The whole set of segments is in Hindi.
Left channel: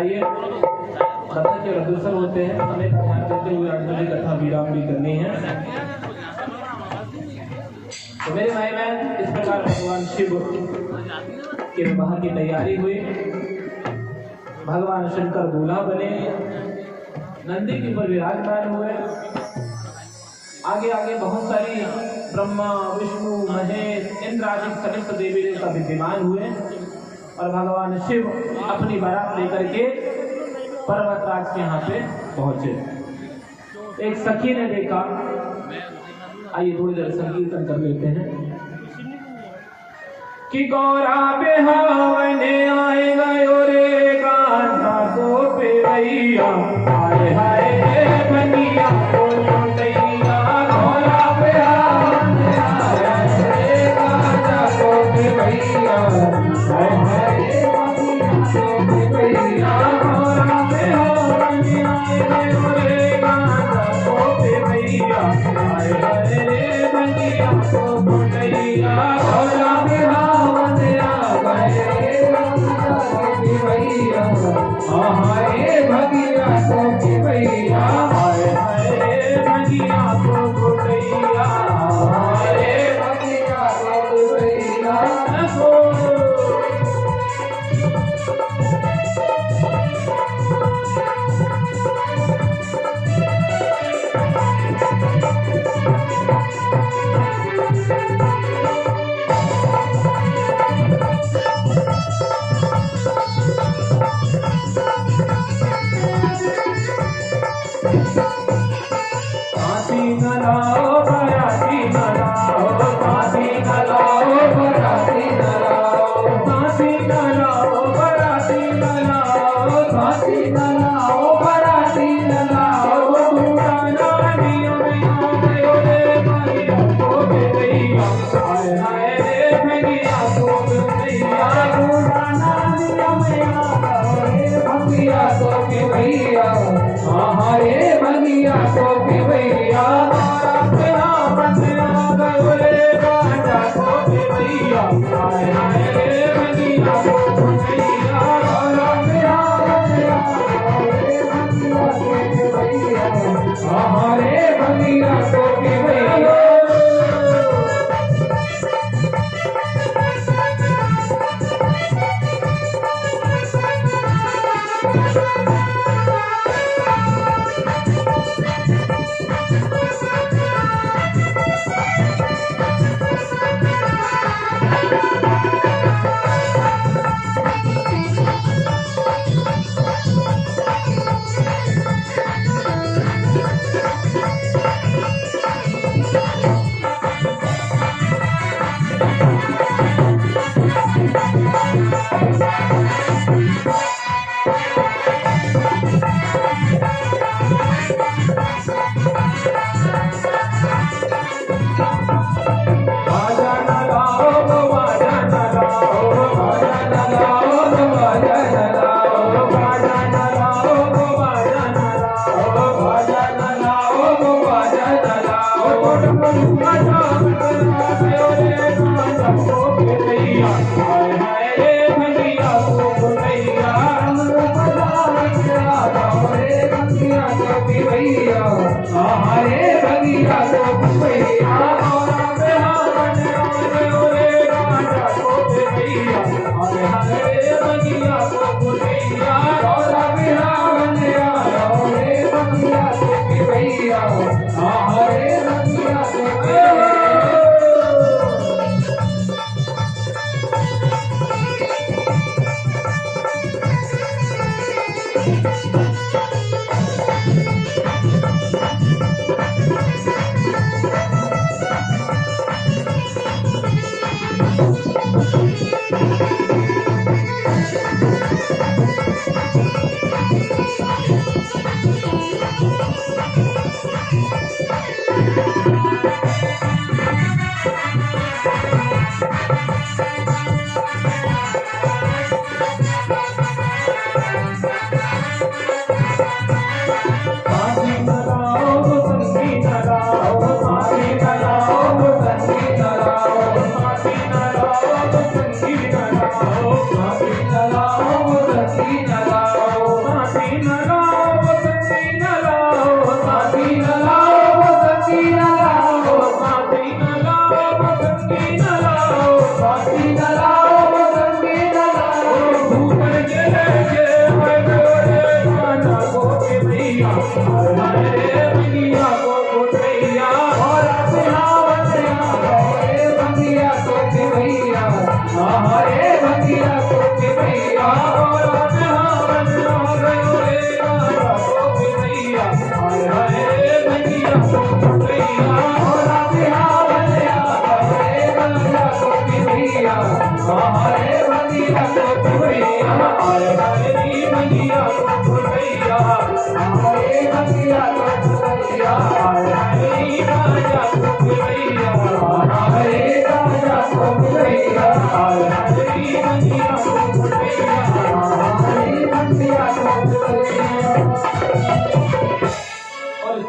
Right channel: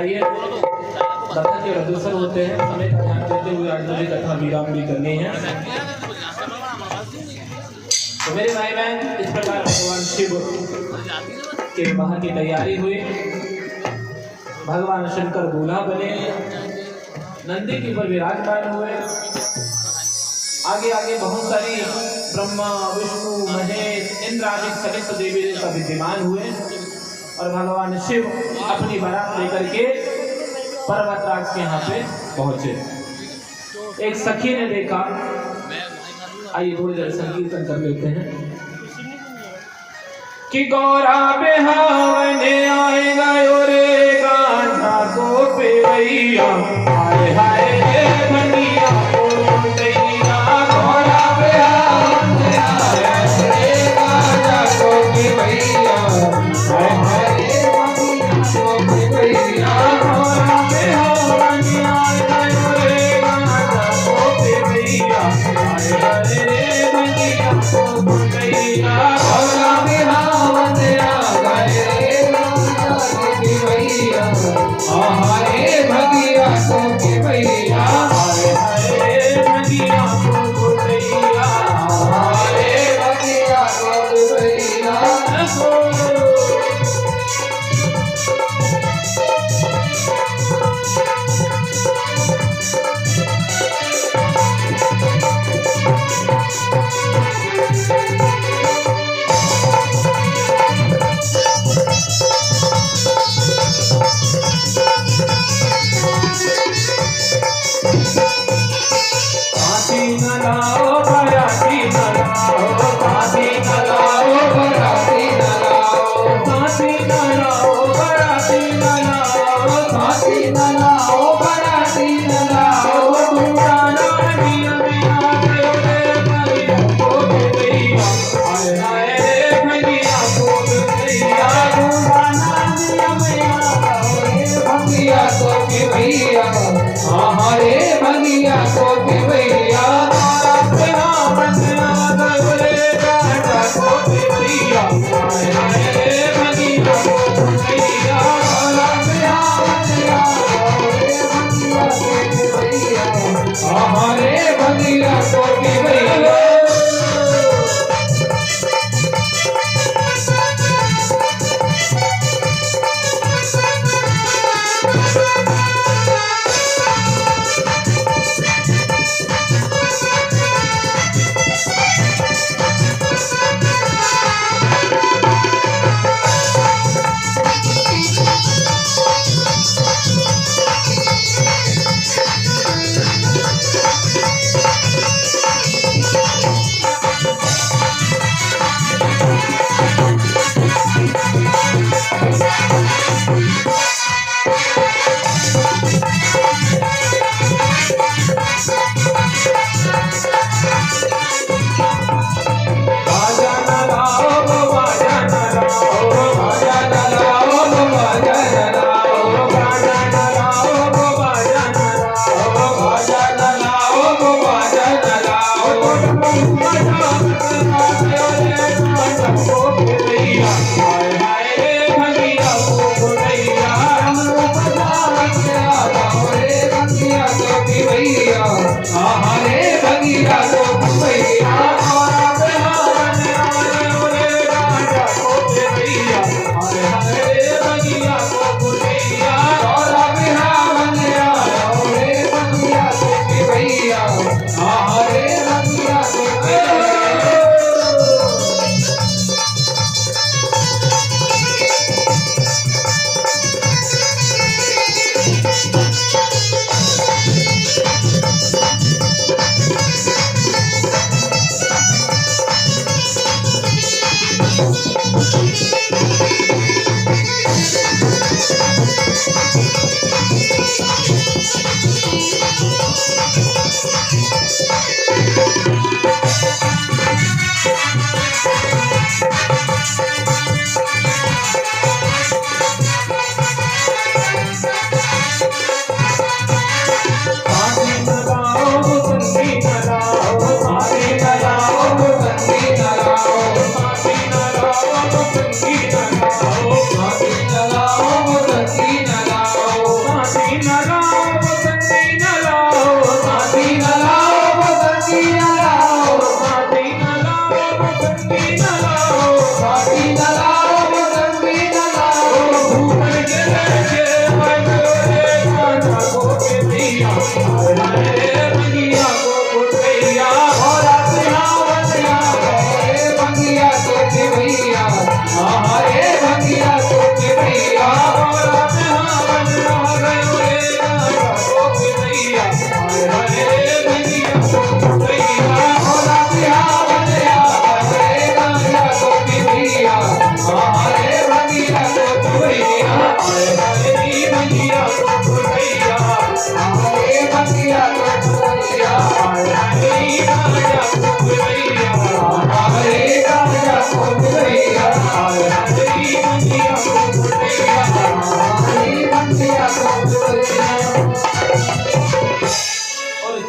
आइए कथा के अग्रसर होते हैं, समय का ध्यान देते हुए आज मुझे कथा वीरांगनी करनी है। तो मेरे भाई बहन, इस प्रकार भगवान शिव के विवाह की तैयारी हुई। भगवान शंकर दूल्हा बने, नंदी के ऊपर विराजमान हुए। आगे आगे बहुत सारी ब्रह्मा विष्णु महेश इंद्र आदि समस्त देवी देवता विद्यमान हुए और भगवान शिव अपनी बारात लेकर के पर्वतराज के यहाँ पे पहुंचे। एक सखी ने देखा, आइए थोड़ी देर संकीर्तन कर लेते हैं कि गौरा बेहावन आएगा रे गांधा को पेवैया, हाय हाय रे धनिया को दैया। गौरा बेहावन आएगा रे गांधा को पेवैया, हाय हाय रे धनिया को पेवैया। गौरा बेहावन आएगा रे गांधा को पेवैया, हाय हाय रे धनिया को दैया। गौरा बेहावन आएगा रे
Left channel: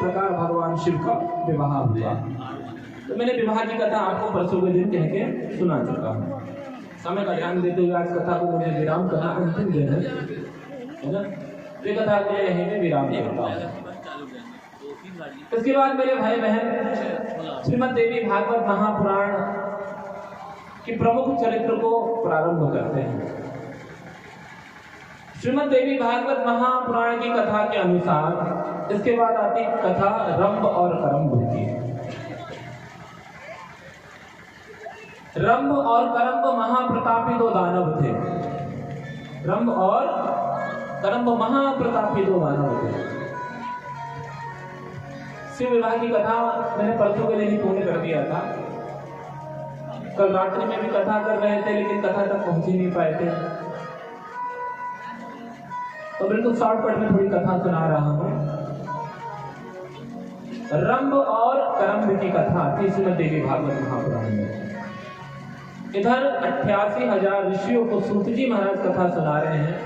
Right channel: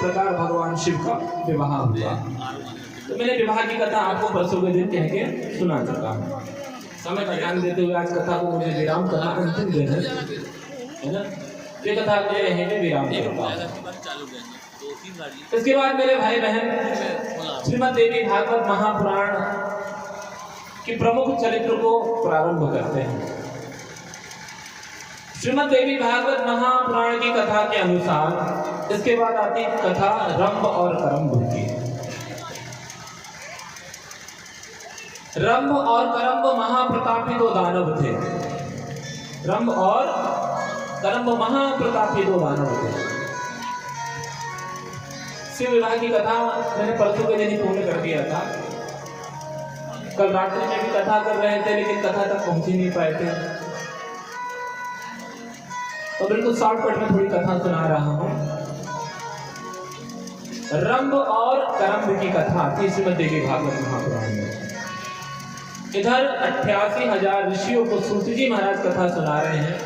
प्रकार भगवान शिव का विवाह हुआ। तो मैंने विवाह की कथा आपको परसों के दिन कह के सुना चुका हूँ। समय का ध्यान देते हुए आज कथा को मुझे विराम करना अंतिम दिन है ना। ये कथा को यहीं पे विराम करता हूँ। इसके बाद मेरे भाई बहन श्रीमद् देवी भागवत महापुराण की प्रमुख चरित्र को प्रारंभ करते हैं। श्रीमद् देवी भागवत महापुराण की कथा के अनुसार इसके बाद आती कथा रंभ और करम्भ की। रंभ और करम्भ महाप्रतापी दो दानव थे। रंभ और करम्भ महाप्रतापी दो दानव थे। शिव विवाह की कथा मैंने परसों के दिन ही पूर्ण कर दिया था। कल रात्रि में भी कथा कर रहे थे लेकिन कथा तक पहुंच ही नहीं पाए थे, तो बिल्कुल शॉर्टकट में थोड़ी कथा सुना रहा हूं। रंभ और करम्भ की कथा थी श्रीमद् देवी भागवत महापुराण में। इधर 88,000 ऋषियों को सूत जी महाराज कथा सुना रहे हैं।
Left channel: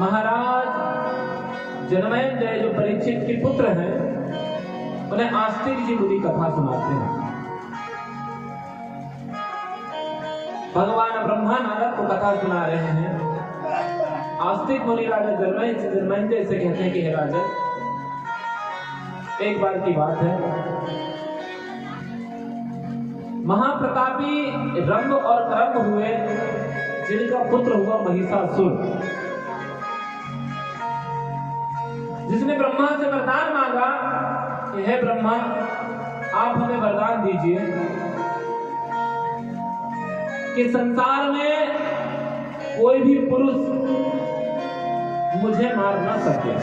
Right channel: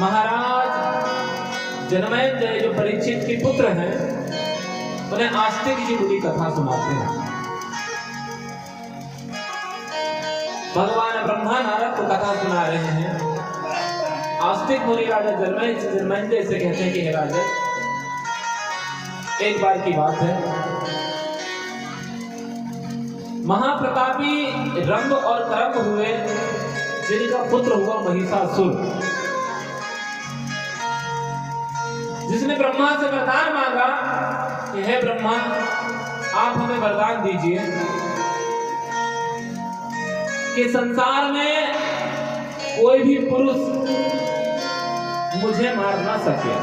महाराज जनमेजय जो परीक्षित के पुत्र हैं उन्हें आस्तिक जी मुनि कथा सुनाते हैं। भगवान ब्रह्मा नारद को कथा सुना रहे हैं। आस्तिक मुनि राजा जनमेजय से कहते हैं कि हे राजा, एक बार की बात है, महाप्रतापी रंभ और करम्भ हुए जिनका पुत्र हुआ महिषासुर, जिसने ब्रह्मा से वरदान मांगा कि हे ब्रह्मा आप हमें वरदान दीजिए कि संसार में कोई भी पुरुष मुझे मार ना सके।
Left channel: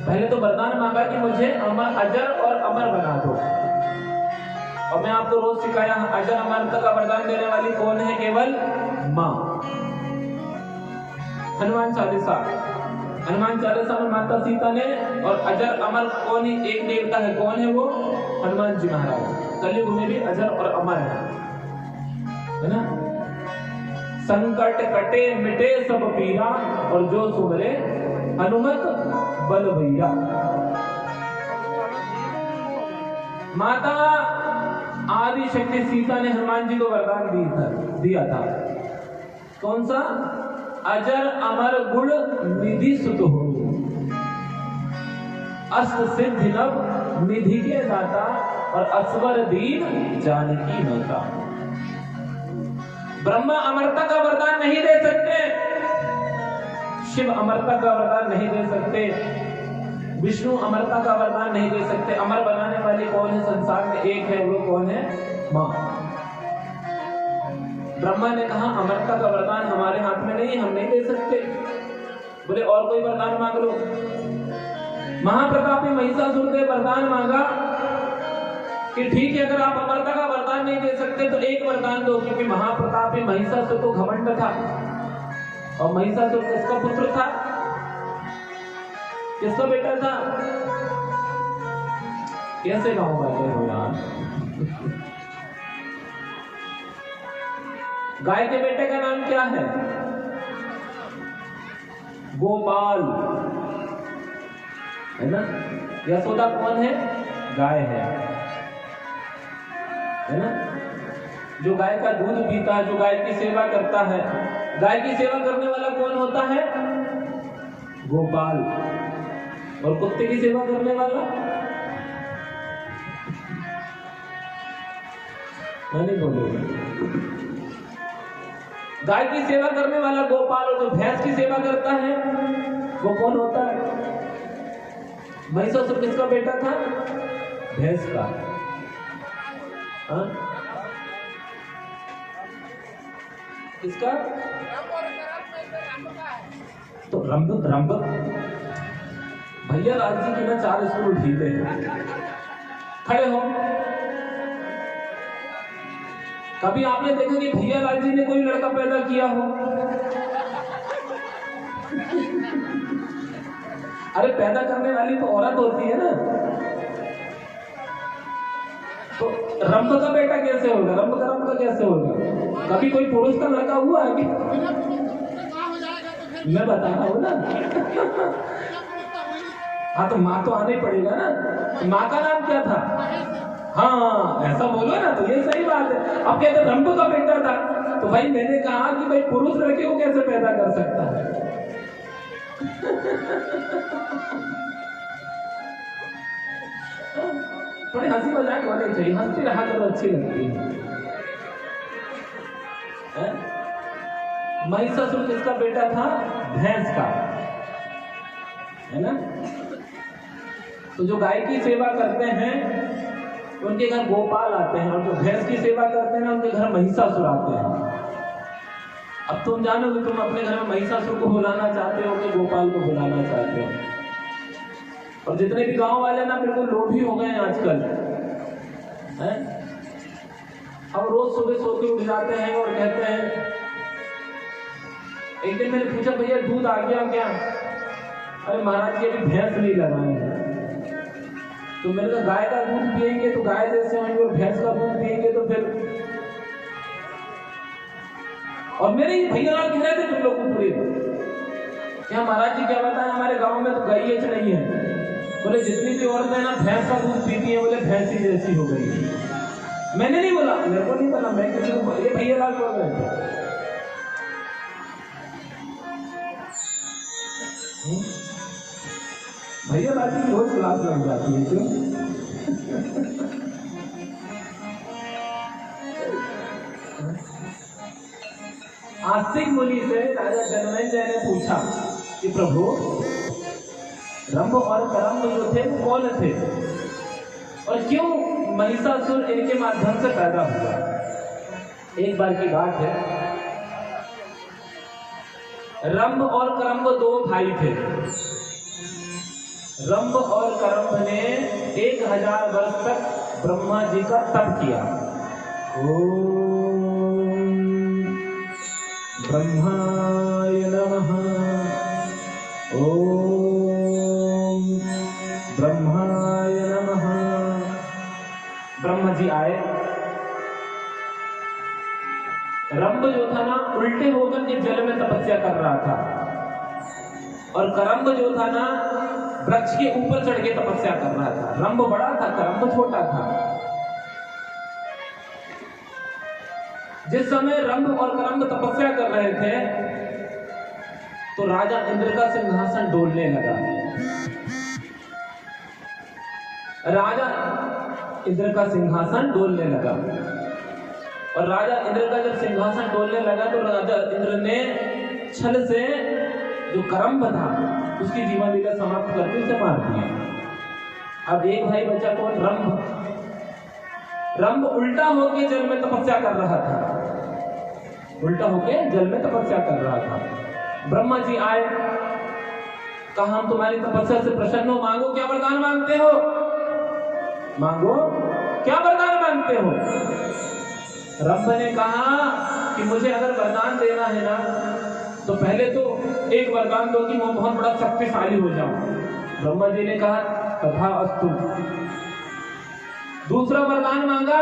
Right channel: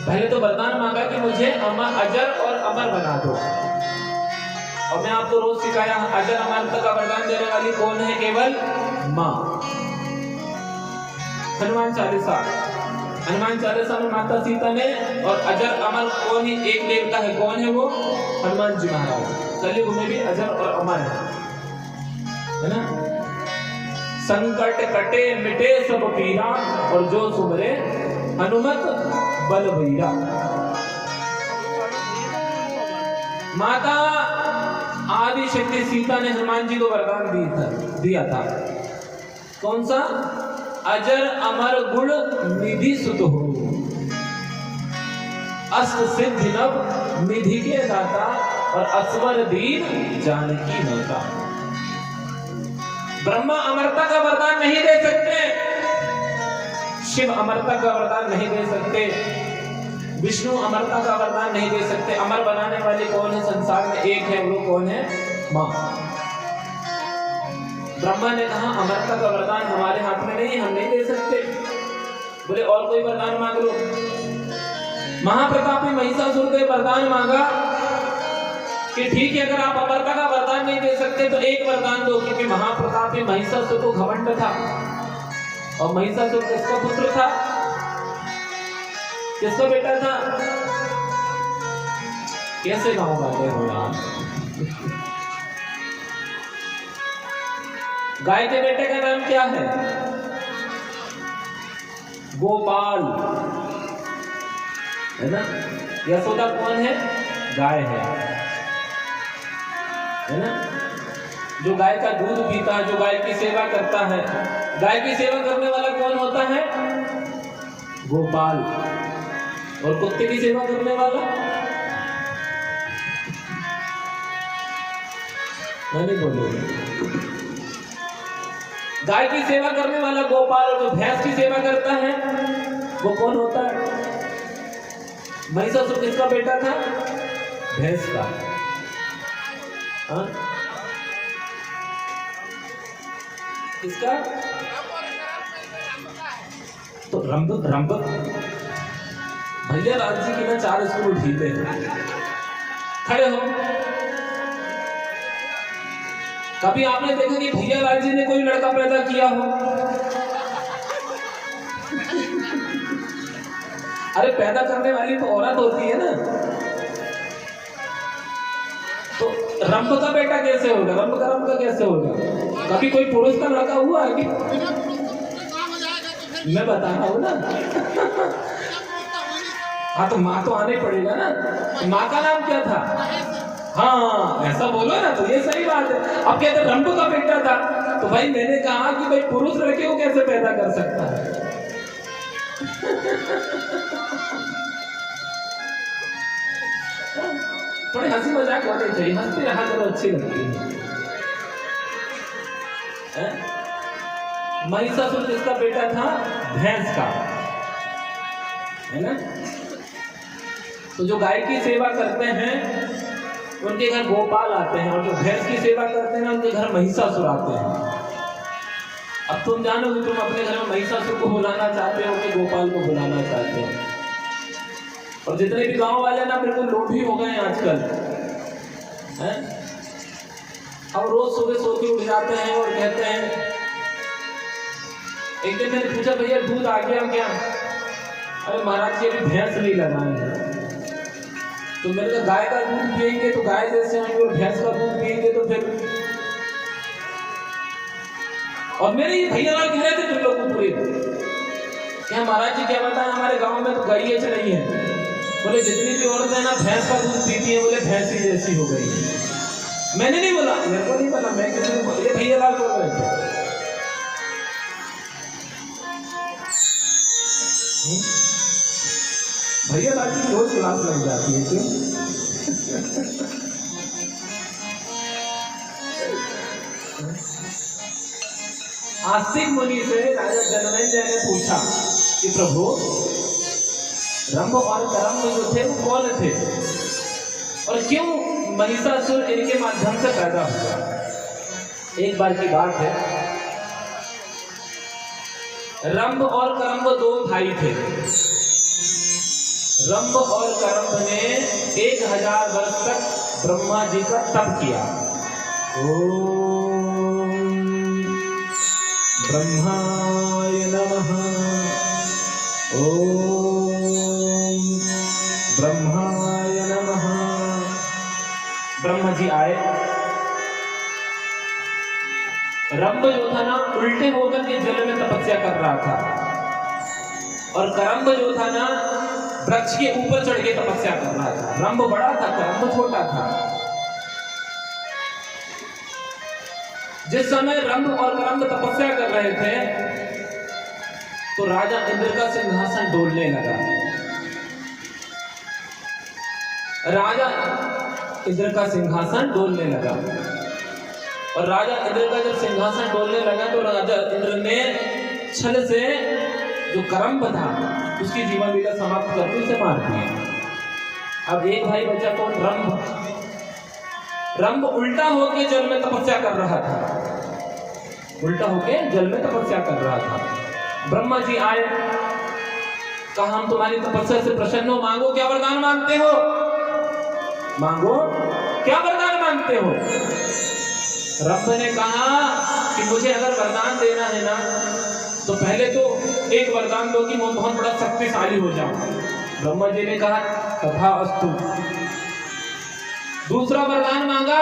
पहले तो वरदान मांगा कि मुझे अजर और अमर बना दो। और मैं आपको रोज सिखाया अजर अमरता का वरदान देने वाली कौन है? केवल माँ। हनुमान चालीसा में माता सीता ने, और अजर अमर कौन ही एक देवता है, कौन है वो? हनुमान जी महाराज। कलयुग में भी अजर और अमर है ना। संकट कटे मिटे सब पीरा, और जो सुमरे हनुमत बलबीरा। माता आदि शक्ति सीता ने हनुमान जी को वरदान दिया था। कौन सा? अजर अमर गुण निधि सुत हो, अष्ट सिद्धि नव निधि के दाता, और असवर दीन जानकी माता। ब्रह्मा अमरता का वरदान नहीं दे सकते, शिव अमरता का वरदान नहीं दे सकते, विष्णु अमरता का वरदान नहीं दे सकते। अमर बनाने वाले कौन है संसार में? एक है, वो कौन है? माँ। ब्रह्मा ने कहा अमरता का वरदान हमारे हाथ में नहीं, हम नहीं दे सकते। बोले और कोई वरदान मांग लो। महाप्रतापी महिषासुर ने वरदान मांगा कि ठीक है, अगर आप अमरता का वरदान नहीं दे सकते तो एक वरदान दो, क्योंकि महाप्रतापी महिषासुर को घमंड था। और महिषासुर किसका पुत्र था? किसका बेटा था? कैसे गाँव बैठे हो यार? गाय के बेटे का नाम क्या है? गोपाल, है ना। यशोदा कौन है? गाय है ना। जो गाय का दूध पीता है, जो गाय की सेवा करता है, गाय की सेवा करने वाला कौन होता है? गोपाल। और कुत्ते की सेवा करने वाला? मैंने बोलो, गाय की सेवा करने वाला गोपाल, और जो भैंस की सेवा करता है वो कौन होता है? महिषासुर किसका बेटा था? भैंस का। किसका? तो रंभ भैया राजी की ना 4 स्कूल उठीते हैं। खड़े हो। कभी आपने देखा कि भैया लाल जी ने कोई लड़का पैदा किया हो? अरे पैदा करने वाली तो औरत होती है ना। तो रंभ का बेटा कैसे होगा? रंभ का रंभ का कैसे होगा? कभी कोई पुरुष का लड़का हुआ है कि? मैं बता रहा हूँ ना। हाँ तो माँ तो आने पड़ेगा ना। माँ का नाम क्या था? हाँ ऐसा बोलो ना, तो ये सही बात है। अब कहते रंभ का बेटा था, तो भाई मैंने कहा कि भाई पुरुष लड़के को कैसे पैदा कर सकता है? थोड़ी हंसी मजाक होनी चाहिए, हंसती रहा करो, अच्छी लगती है। महिषासुर जिसका बेटा था भैंस का, है ना। तो जो गाय की सेवा करते हैं उनके घर गोपाल आते हैं, और जो भैंस की सेवा करते हैं ना उनके घर महिषासुर आते हैं। अब तुम जानो कि तुम अपने घर में महिषासुर को बुलाना चाहते हो कि गोपाल को बुलाना चाहते हो। और जितने भी गांव वाले ना बिल्कुल लोभी हो गए आजकल, हैं? अब रोज सुबह सो के उठ जाते हैं और कहते हैं, एक दिन मैंने पूछा भैया दूध आ गया क्या? अरे महाराज जी अभी भैंस नहीं लगाए हैं। तो मैंने कहा गाय का दूध पिएंगे तो गाय जैसे होंगे, और भैंस का दूध पिएंगे तो फिर। और मेरे ये भैया लाल कह रहे थे फिर लोग पूरे, क्या महाराज जी क्या बताएं, हमारे गांव में तो गाय नहीं है। बोले जितनी भी औरतें ना भैंस का दूध पीती है, बोले भैंस ही जैसी हो गई। मैंने नहीं बोला, मेरे को नहीं बोला, मैं किसी को, ये भैया लाल बोल रहे थे। भैया लाल की रोज क्लास लग जाती है क्यों? आस्तिक मुनि से राजा जनमेजय ने पूछा कि प्रभु रंभ और करम्भ जो थे वो कौन थे, और क्यों महिषासुर इनके माध्यम से पैदा हुआ? एक बार की बात है, रंभ और करम्भ दो भाई थे। रंभ और करम्भ ने 1000 वर्ष तक ब्रह्मा जी का तप किया। ओम ब्रह्माय नमः, ओम ब्रह्माय नमः। ब्रह्मा जी आए। रंभ जो था ना उल्टे होकर के जल में तपस्या कर रहा था, और करम्भ जो था ना वृक्ष के ऊपर चढ़ के तपस्या कर रहा था। रंभ बड़ा था, करम्भ छोटा था। जिस समय रंभ और करम्भ तपस्या कर रहे थे तो राजा इंद्र का सिंहासन डोलने लगा। राजा इंद्र का सिंहासन डोलने लगा, और राजा इंद्र का जब सिंहासन डोलने लगा तो राजा इंद्र ने छल से जो करम्भ था उसकी जीवन लीला समाप्त करके उसे मार दिया। अब एक भाई बचा कौन? रंभ। रंभ उल्टा होके जल में तपस्या कर रहा था, उल्टा होके जल में तपस्या कर रहा था। ब्रह्मा जी आए, कहा हम तुम्हारी तपस्या से प्रसन्न हो, मांगो क्या वरदान मांगते हो, मांगो क्या वरदान मांगते हो। रंभ ने कहा कि मुझे अगर वरदान देना है ना तो पहले तो एक वरदान दो कि मैं बहुत बड़ा शक्तिशाली हो जाऊं। ब्रह्मा जी ने कहा तथा अस्तु। दूसरा वरदान मांगा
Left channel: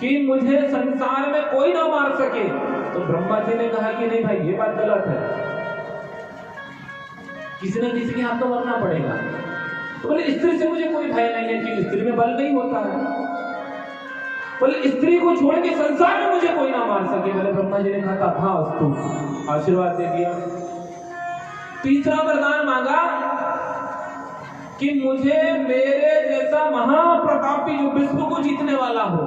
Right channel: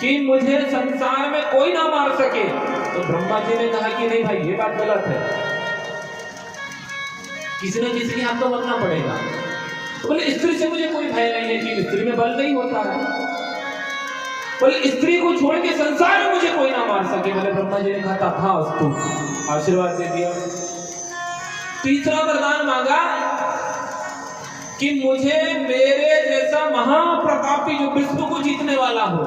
कि मुझे संसार में कोई ना मार सके। तो ब्रह्मा जी ने कहा कि नहीं भाई ये बात गलत है, किसी न किसी के हाथ तो मरना पड़ेगा। तो बोले स्त्री से मुझे कोई भय नहीं है कि स्त्री में बल नहीं होता है। बोले स्त्री को छोड़ के संसार में मुझे कोई ना मार सके। बोले ब्रह्मा जी ने कहा तथा अस्तु, आशीर्वाद दे दिया। तीसरा वरदान मांगा कि मुझे मेरे जैसा महाप्रतापी जो विश्व को जीतने वाला हो,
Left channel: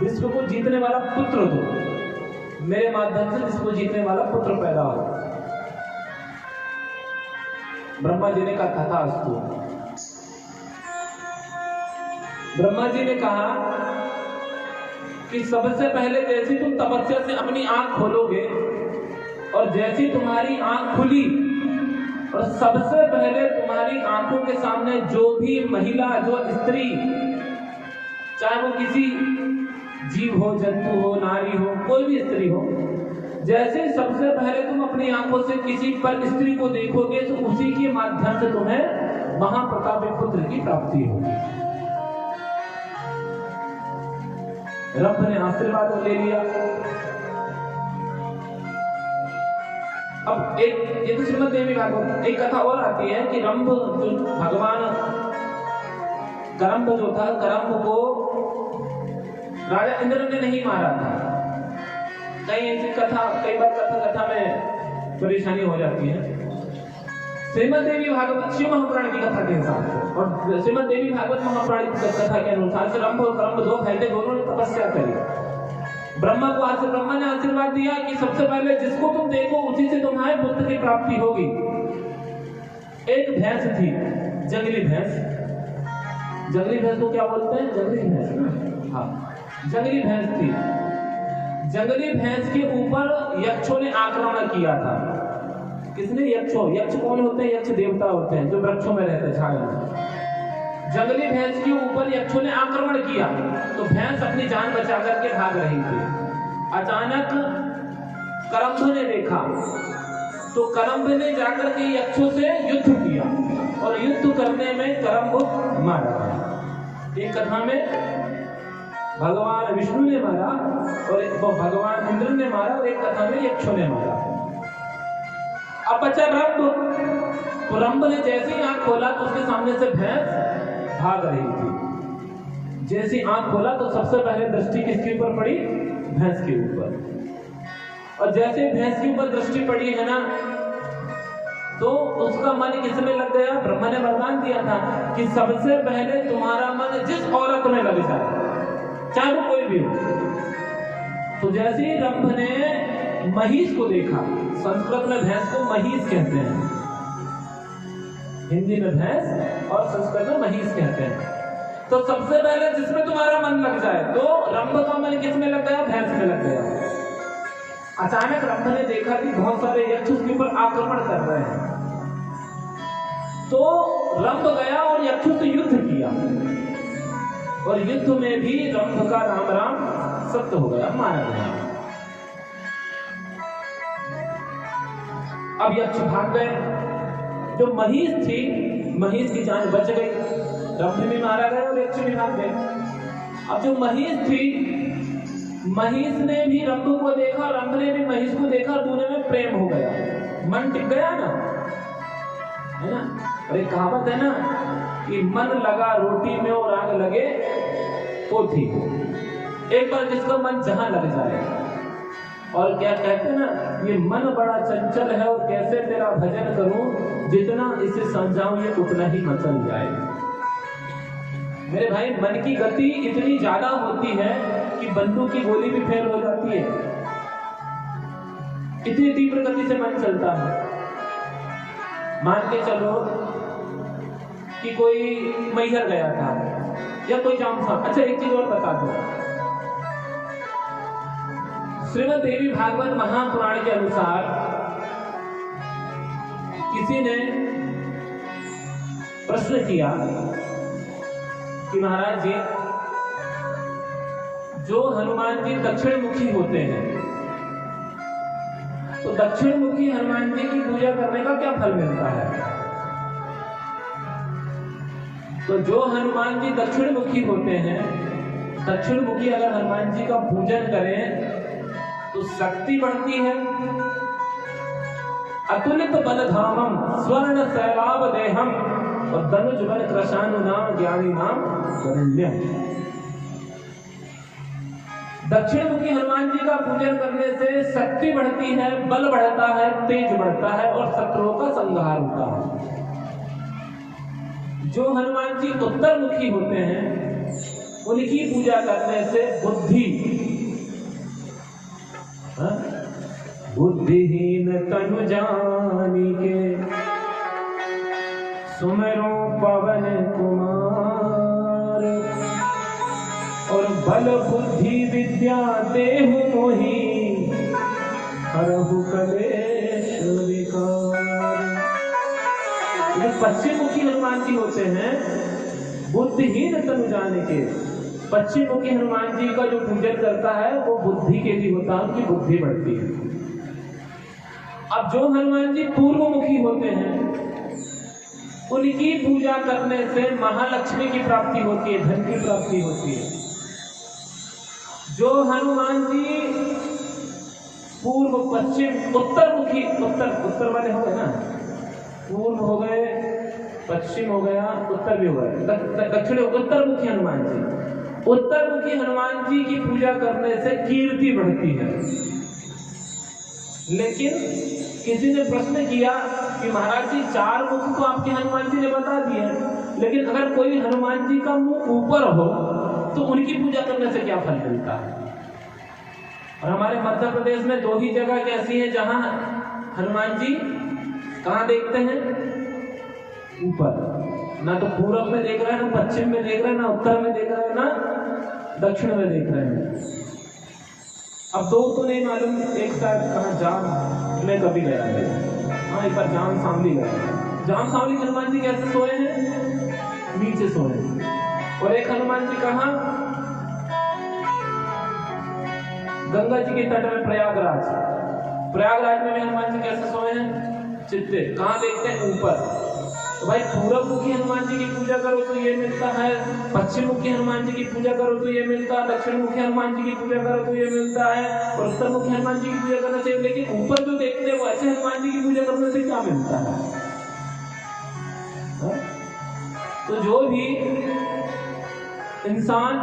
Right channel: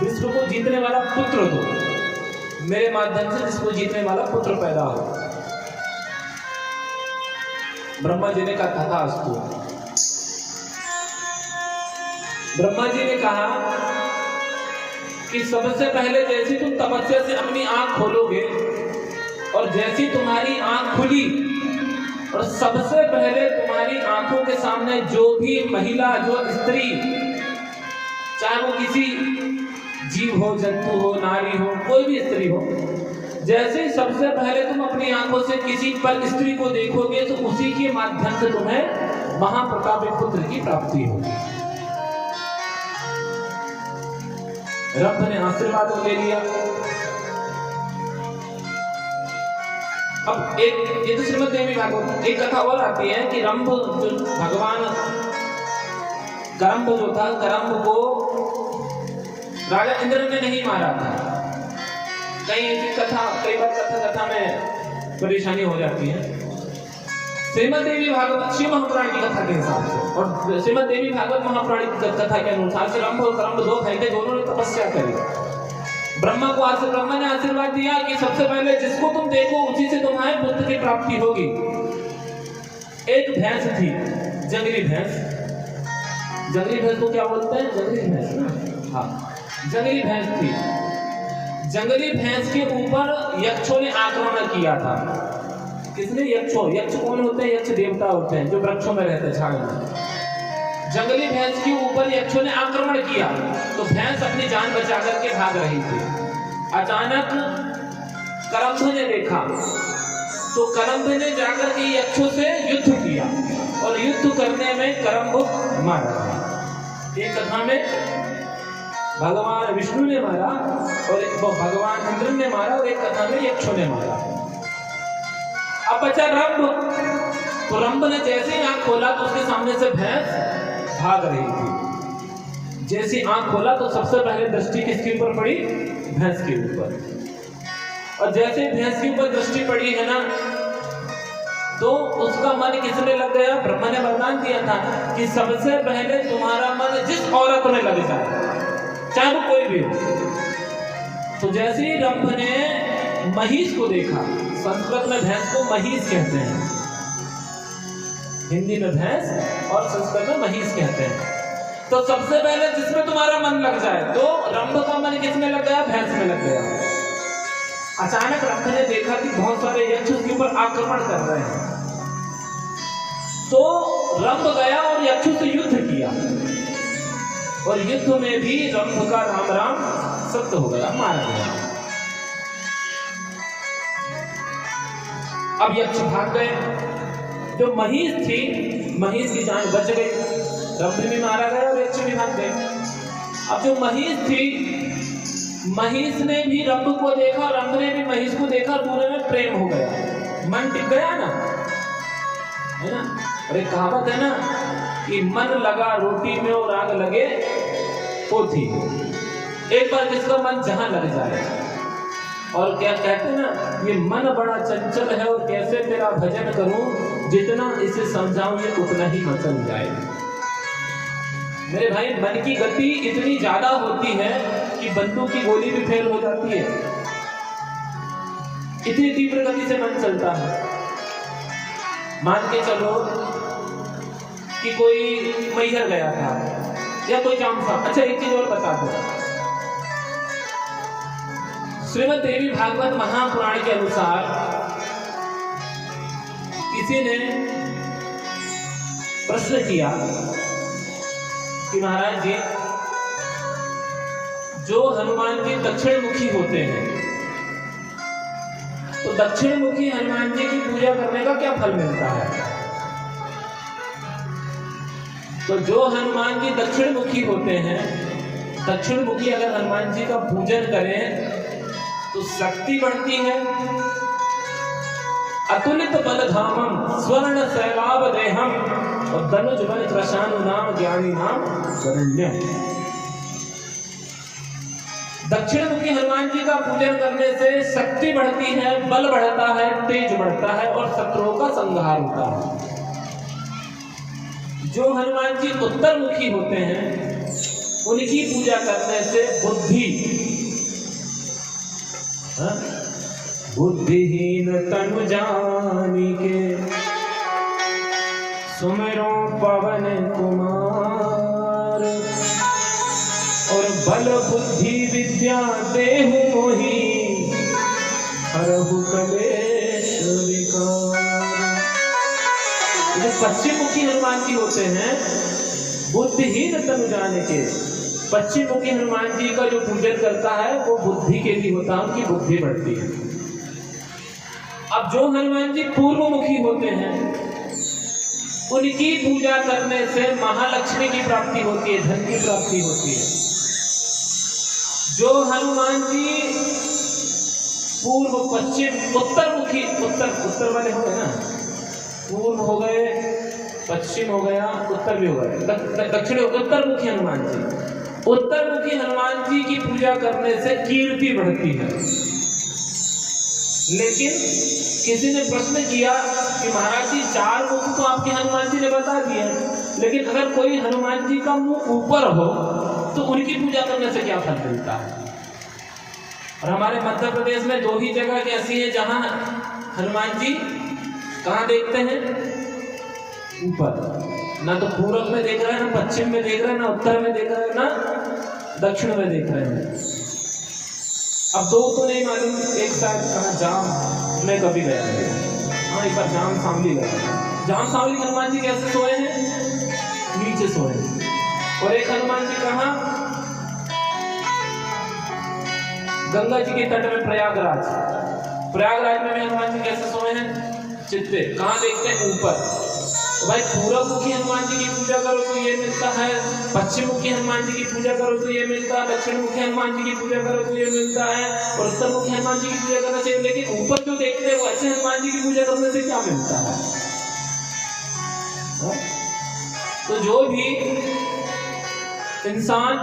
विश्व को जीतने वाला पुत्र दो, मेरे माध्यम से विश्व को जीतने वाला पुत्र पैदा हो। ब्रह्मा जी ने कहा तथा अस्तु। ब्रह्मा जी ने कहा कि सबसे पहले जैसी तुम तपस्या से अपनी आंख खोलोगे, और जैसी तुम्हारी आंख खुली और सबसे पहले तुम्हारी आंखों के सामने जो भी महिला, जो स्त्री, चाहे वो किसी जीव हो, जंतु हो, नारी हो, कोई भी स्त्री हो, जैसे सबसे पहले तुम अपनी आंखों से किसी पर स्त्री को देखोगे तो उसी के माध्यम से तुम्हें महाप्रतापी पुत्र की प्राप्ति होगी। रंभ ने आशीर्वाद ले लिया। अब ये तो श्रीमद् देवी भागवत, एक कथा और आती है कि रंभ जो भगवान करम्ब जो था, करम्ब को राजा इंद्र ने नहीं मारा था। कई बार कथा में परेशानी हो जाती है। श्रीमद् देवी भागवत शिव महापुराण की कथा के हिसाब से और श्रीमद् देवी भागवत महापुराण की कथा के अनुसार से रंभ और करम्ब दो भाई थे, दोनों ने तपस्या करी। ब्रह्मा ने आशीर्वाद दिया कि सबसे पहले जिसको तुम देखो उसी से तुम्हारे पुत्र की प्राप्ति होगी। एक भैंस थी, जंगली भैंस। जंगली भैंस को क्या बोलते हैं? जंगली भैंस ना, हाँ, जंगली भैंस थी। जंगली भैंस के ऊपर यक्षों ने आक्रमण किया था। किसने? यक्षों। यक्ष कौन होते हैं? यक्ष देवता होते हैं जो वृक्षों में रहते हैं, छाया में। जंगली भैंस के ऊपर यक्षों ने आक्रमण किया तो भैंस अपनी जान बचा करके भाग रही थी। अचानक करम्ब ने देखा तो करम्ब ने जाकर के यक्षों से युद्ध किया और युद्ध करने में करम्ब मारा गया। एक कथा में भगवान विष्णु ने मारा और भगवान इंद्र ने मारा और एक कथा में यक्षों ने मारा। अब बचा रंभ। तो रंभ ने जैसे ही आंख खोला तो उसके सामने से भैंस भाग रही थी। जैसे आंख खोला तो सबसे पहले दृष्टि किसके ऊपर पड़ी? भैंस के ऊपर। और जैसे भैंस के ऊपर दृष्टि पड़ी है ना तो उसका मन किसने लग गया? ब्रह्मा ने वरदान दिया था कि सबसे पहले तुम्हारा मन जिस औरत में लग जाए, चाहे वो कोई भी हो। तो जैसे ही रंभ ने महिष को देखा, संस्कृत में भैंस को महिष कहते हैं, हिंदी में भैंस और संस्कृत में महिष कहते हैं। तो सबसे पहले जिसमें तुम्हारा मन लग जाए, तो रंभ का मन किसमें लग गया? भैंस में लग गया। अचानक रंभ ने देखा कि बहुत सारे यक्ष उसके ऊपर आक्रमण कर रहे हैं, तो रंभ गया और यक्षों से युद्ध किया और युद्ध में भी रंभ का राम राम सत्य हो गया, मारा गया। अब यक्ष भाग गए। जो महिष थी, महिष की जान बच गई, रंभ भी मारा गया और यक्ष भी भाग गए। अब जो महिष थी, महिष ने भी रंभ को देखा, रंभ ने भी महिष को देखा, दोनों में प्रेम हो गया, मन टिक गया ना, है ना। अरे कहावत है ना कि मन लगा रोटी में और आग लगे पोथी। एक बार जिसका मन जहां लग जाए, और क्या कहते हैं ना, ये मन बड़ा चंचल है और कैसे तेरा भजन करूं, जितना इसे समझाऊं ये उतना ही मचल जाए। मेरे भाई, मन की गति इतनी ज्यादा होती है कि बंदूक की गोली भी फेल हो जाती है, इतनी तीव्र गति से मन चलता है। मान के चलो कि कोई मैहर गया था या कोई काम था। अच्छा, एक चीज और बता दो, श्रीमद् देवी भागवत महापुराण के अनुसार किसी ने प्रश्न किया कि महाराज जी, जो हनुमान जी दक्षिण मुखी होते हैं, तो दक्षिण मुखी हनुमान जी की पूजा करने का क्या फल मिलता है? तो जो हनुमान जी दक्षिण मुखी होते हैं, दक्षिण मुखी अगर हनुमान जी का पूजन करें तो शक्ति बढ़ती है। अतुलित बलधामम स्वर्ण शैलाभ देहम और धनुज बल कृशानुनाम ज्ञानी नाम वरुण्यम। दक्षिण मुखी हनुमान जी का पूजन करने से शक्ति बढ़ती है, बल बढ़ता है, तेज बढ़ता है और शत्रुओं का संहार होता है। जो हनुमान जी उत्तर मुखी होते हैं, उनकी पूजा करने से बुद्धि, बुद्धिहीन तनु जानिके सुमिरो पवन कुमार और बल बुद्धि विद्या देहु मोहि हरहु कलेश विकार। जो पश्चिम मुखी हनुमान जी होते हैं, बुद्धिहीन तनु जानिके, पश्चिम मुखी हनुमान जी का जो पूजन करता है वो बुद्धि के लिए होता है, उनकी बुद्धि बढ़ती है। अब जो हनुमान जी पूर्व मुखी होते हैं उनकी पूजा करने से महालक्ष्मी की प्राप्ति होती है, धन की प्राप्ति होती है। जो हनुमान जी पूर्व पश्चिम उत्तर मुखी, उत्तर वाले हो गए ना, पूर्व हो गए, पश्चिम हो गया, उत्तर भी हो गए, दक्षिण उत्तर मुखी हनुमान जी, उत्तर मुखी हनुमान जी की पूजा करने से कीर्ति बढ़ती है। लेकिन किसी ने प्रश्न किया कि महाराज जी 4 मुख तो आपके हनुमान जी ने बता दिया, लेकिन अगर कोई हनुमान जी का मुख ऊपर हो तो उनकी पूजा करने से क्या फल मिलता है? और हमारे मध्य प्रदेश में 2 ही जगह ऐसी है जहां हनुमान जी कहाँ देखते हैं? ऊपर। ना तो पूर्व में देख रहे हैं, ना पश्चिम में देख रहे हैं, ना उत्तर में देख रहे हैं, ना दक्षिण में देख रहे हैं। अब 2 तो नहीं मालूम, एक साथ कहाँ जाम में कभी गया है, हाँ एक बार जाम सांवली गया। जाम सांवली हनुमान जी कैसे सोए हैं? नीचे सोए हैं। और एक हनुमान जी कहाँ? गंगा जी के तट में प्रयागराज में हनुमान जी कैसे सोए हैं? चित्ते। कहाँ देखते हैं? ऊपर। तो भाई पूर्व मुखी हनुमान जी की पूजा करो तो ये मिलता है, पश्चिम मुखी हनुमान जी की पूजा करो तो ये मिलता है, दक्षिण मुखी हनुमान जी की पूजा करो तो ये मिलता है, और उत्तर मुखी हनुमान जी की पूजा करना चाहिए। लेकिन ऊपर जो देखते हैं वो ऐसे हनुमान जी की पूजा करने से क्या मिलता है? तो जो भी इंसान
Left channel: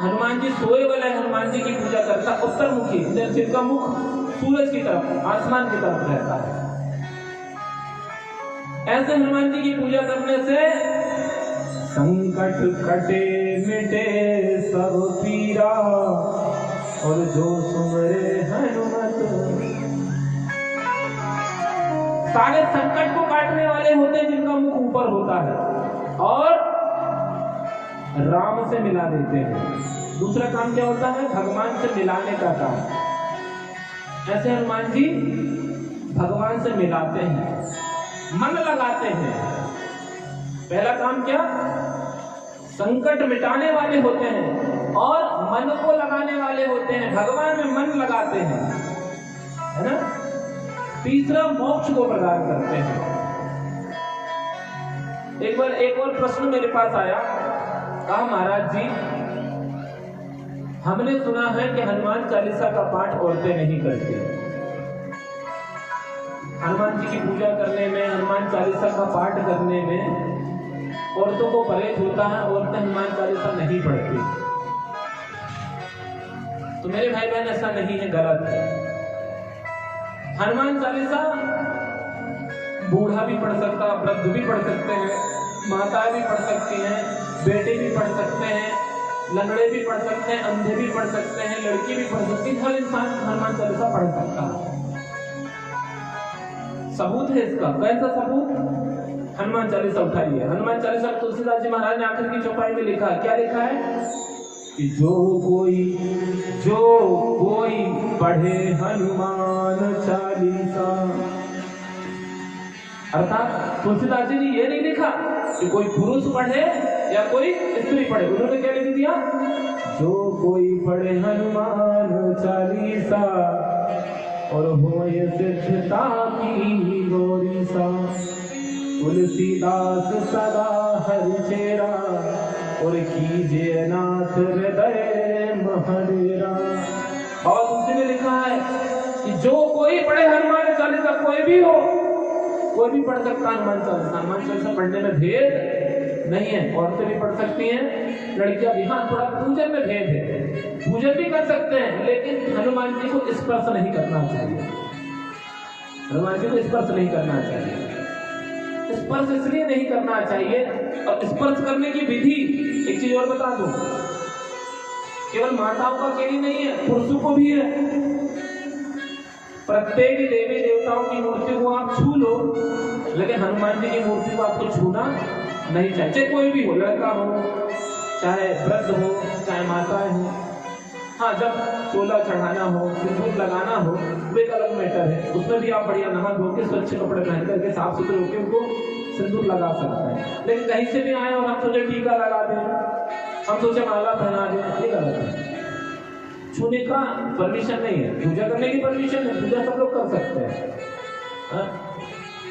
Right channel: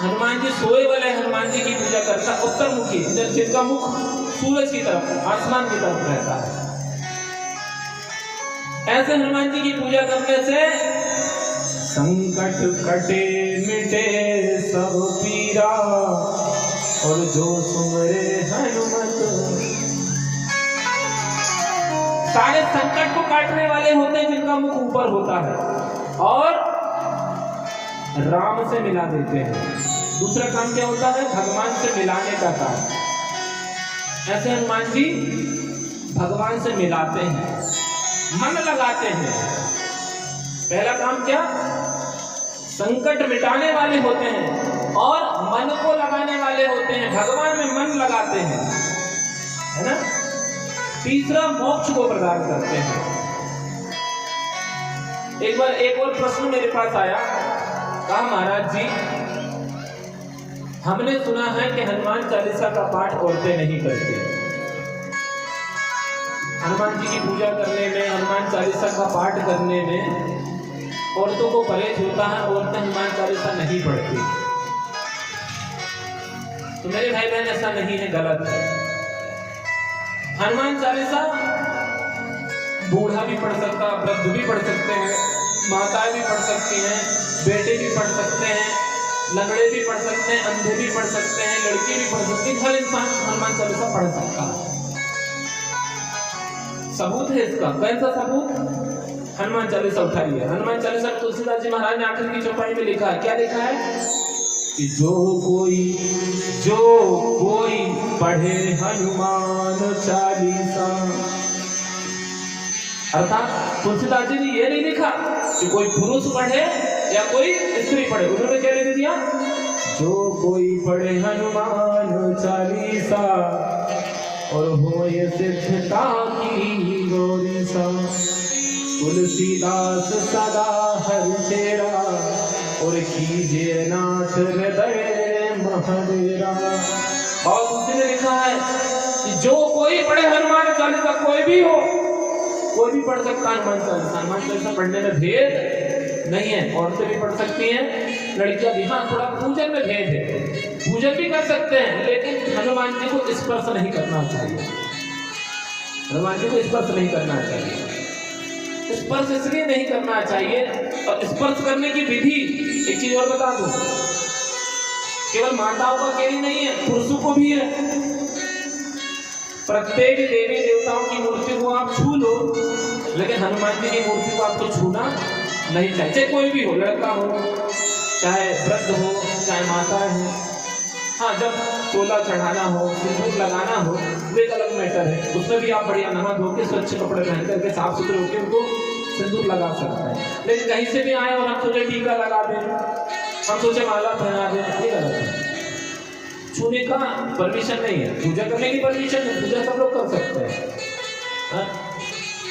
हनुमान जी सोए वाले हनुमान जी की पूजा करता है उत्तर मुखी, जिनका मुख सूरज की तरफ, आसमान की तरफ रहता है, ऐसे हनुमान जी की पूजा करने से संकट कटे मिटे सब पीरा, और जो सुमरे हनुमत, सारे संकट को काटने वाले होते हैं जिनका मुख ऊपर होता है, और राम से मिला देते हैं। दूसरा काम क्या होता है? भगवान से मिलाने का काम। ऐसे हनुमान जी भगवान से मिलाते हैं, मन लगाते हैं। पहला काम क्या? संकट मिटाने वाले होते हैं और मन को लगाने वाले होते हैं, भगवान में मन लगाते हैं, है ना। तीसरा मोक्ष को प्रदान करते हैं। एक बार एक और प्रश्न मेरे पास आया, कहा महाराज जी हमने सुना है कि हनुमान चालीसा का पाठ औरतें नहीं करती। हनुमान जी की पूजा करने में, हनुमान चालीसा का पाठ करने में औरतों को परहेज होता है, औरतें हनुमान चालीसा नहीं पढ़ती। तो मेरे भाई बहन ऐसा नहीं है, गलत है। हनुमान चालीसा बूढ़ा भी पढ़ सकता है, वृद्ध भी पढ़ सकते हैं, माताएं भी पढ़ सकती हैं, बेटे भी पढ़ सकते हैं, लंगड़े भी पढ़ सकते हैं, अंधे भी पढ़ सकते हैं, लड़की भी पढ़ सकती है, हर इंसान हनुमान चालीसा पढ़ सकता है। सबूत है इसका। कैसा सबूत? हनुमान चालीसा उठाइए। हनुमान चालीसा तुलसीदास जी महाराज ने आखिर की चौपाई में लिखा है, क्या लिखा है कि जो कोई पढ़े हनुमान चालीसा, अर्थात तुलसीदास जी ने ये नहीं लिखा कि कोई पुरुष पढ़े या कोई स्त्री पढ़े, उन्होंने क्या लिख दिया? जो कोई पढ़े हनुमान चालीसा और हो ये सिद्धता की गौरीसा, तुलसीदास सदा हर चेरा और कीजिए नाथ हृदय महडेरा। और दूसरे ने लिखा है कि जो कोई पढ़े हनुमान चालीसा, कोई भी हो, कोई भी पढ़ सकता है हनुमान चालीसा। हनुमान चालीसा पढ़ने में भेद नहीं है, औरतें भी पढ़ सकती हैं, लड़कियां भी। हाँ, थोड़ा पूजन में भेद है, पूजन भी कर सकते हैं, लेकिन हनुमान जी को स्पर्श नहीं करना चाहिए। हनुमान जी को स्पर्श नहीं करना चाहिए। स्पर्श इसलिए नहीं करना चाहिए, और स्पर्श करने की विधि एक चीज और बता दूं, केवल माताओं का अकेली नहीं है, पुरुषों को भी है। प्रत्येक देवी देवताओं की मूर्ति को आप छू लो, लेकिन हनुमान जी की मूर्ति को आपको छूना नहीं चाहिए, चाहे कोई भी हो, लड़का हो, चाहे वृद्ध हो, चाहे माताएं हो। हाँ, जब तोला चढ़ाना हो, सिंदूर लगाना हो, वो एक अलग मैटर है, उसमें भी आप बढ़िया नहा धो के स्वच्छ कपड़े पहन करके साफ सुथरे होकर उनको सिंदूर लगा सकते हैं। लेकिन कहीं से भी आए और हम सोचे टीका लगा दें, हम सोचे माला पहना दें, ये गलत है। छूने का परमिशन नहीं है, पूजा करने की परमिशन है, पूजा सब लोग कर सकते हैं। हाँ?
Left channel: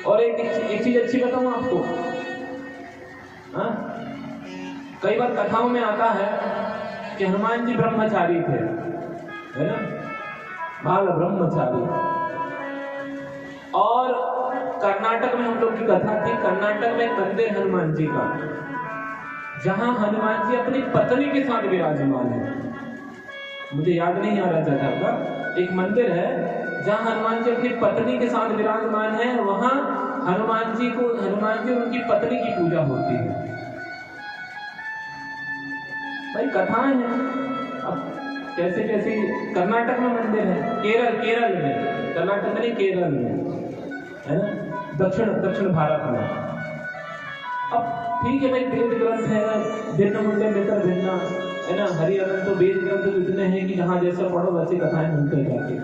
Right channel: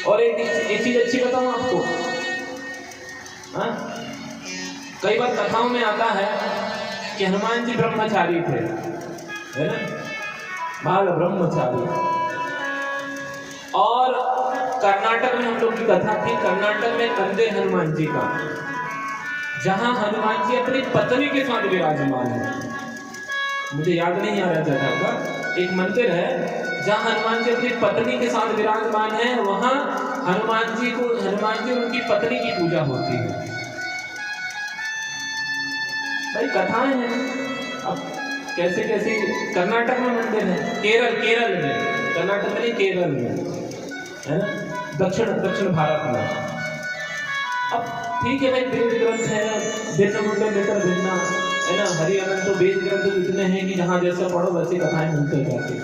और एक चीज अच्छी बताऊं आपको, हाँ? कई बार कथाओं में आता है कि हनुमान जी ब्रह्मचारी थे, है ना, बाल ब्रह्मचारी। और कर्नाटक में हम लोग की कथा थी, कर्नाटक में मंदिर हनुमान जी का, जहां हनुमान जी अपनी पत्नी के साथ विराजमान है। मुझे याद नहीं आ रहा जगह का, एक मंदिर है जहां हनुमान जी अपनी पत्नी के साथ विराजमान है। वहां हनुमान जी और उनकी पत्नी की पूजा होती है। भाई कथाएं हैं, अब कैसे कैसे कर्नाटक में मंदिर है, केरल में, कर्नाटक में केरल में, है ना, दक्षिण भारत में। अब ठीक है भाई, वेद ग्रंथ है, भिन्न मुंडे लेकर भिन्ना, है ना, हरि अनंत तो वेद ग्रंथ तो इतने हैं कि जहां जैसा पढ़ो वैसी कथाएं मिलते जाती।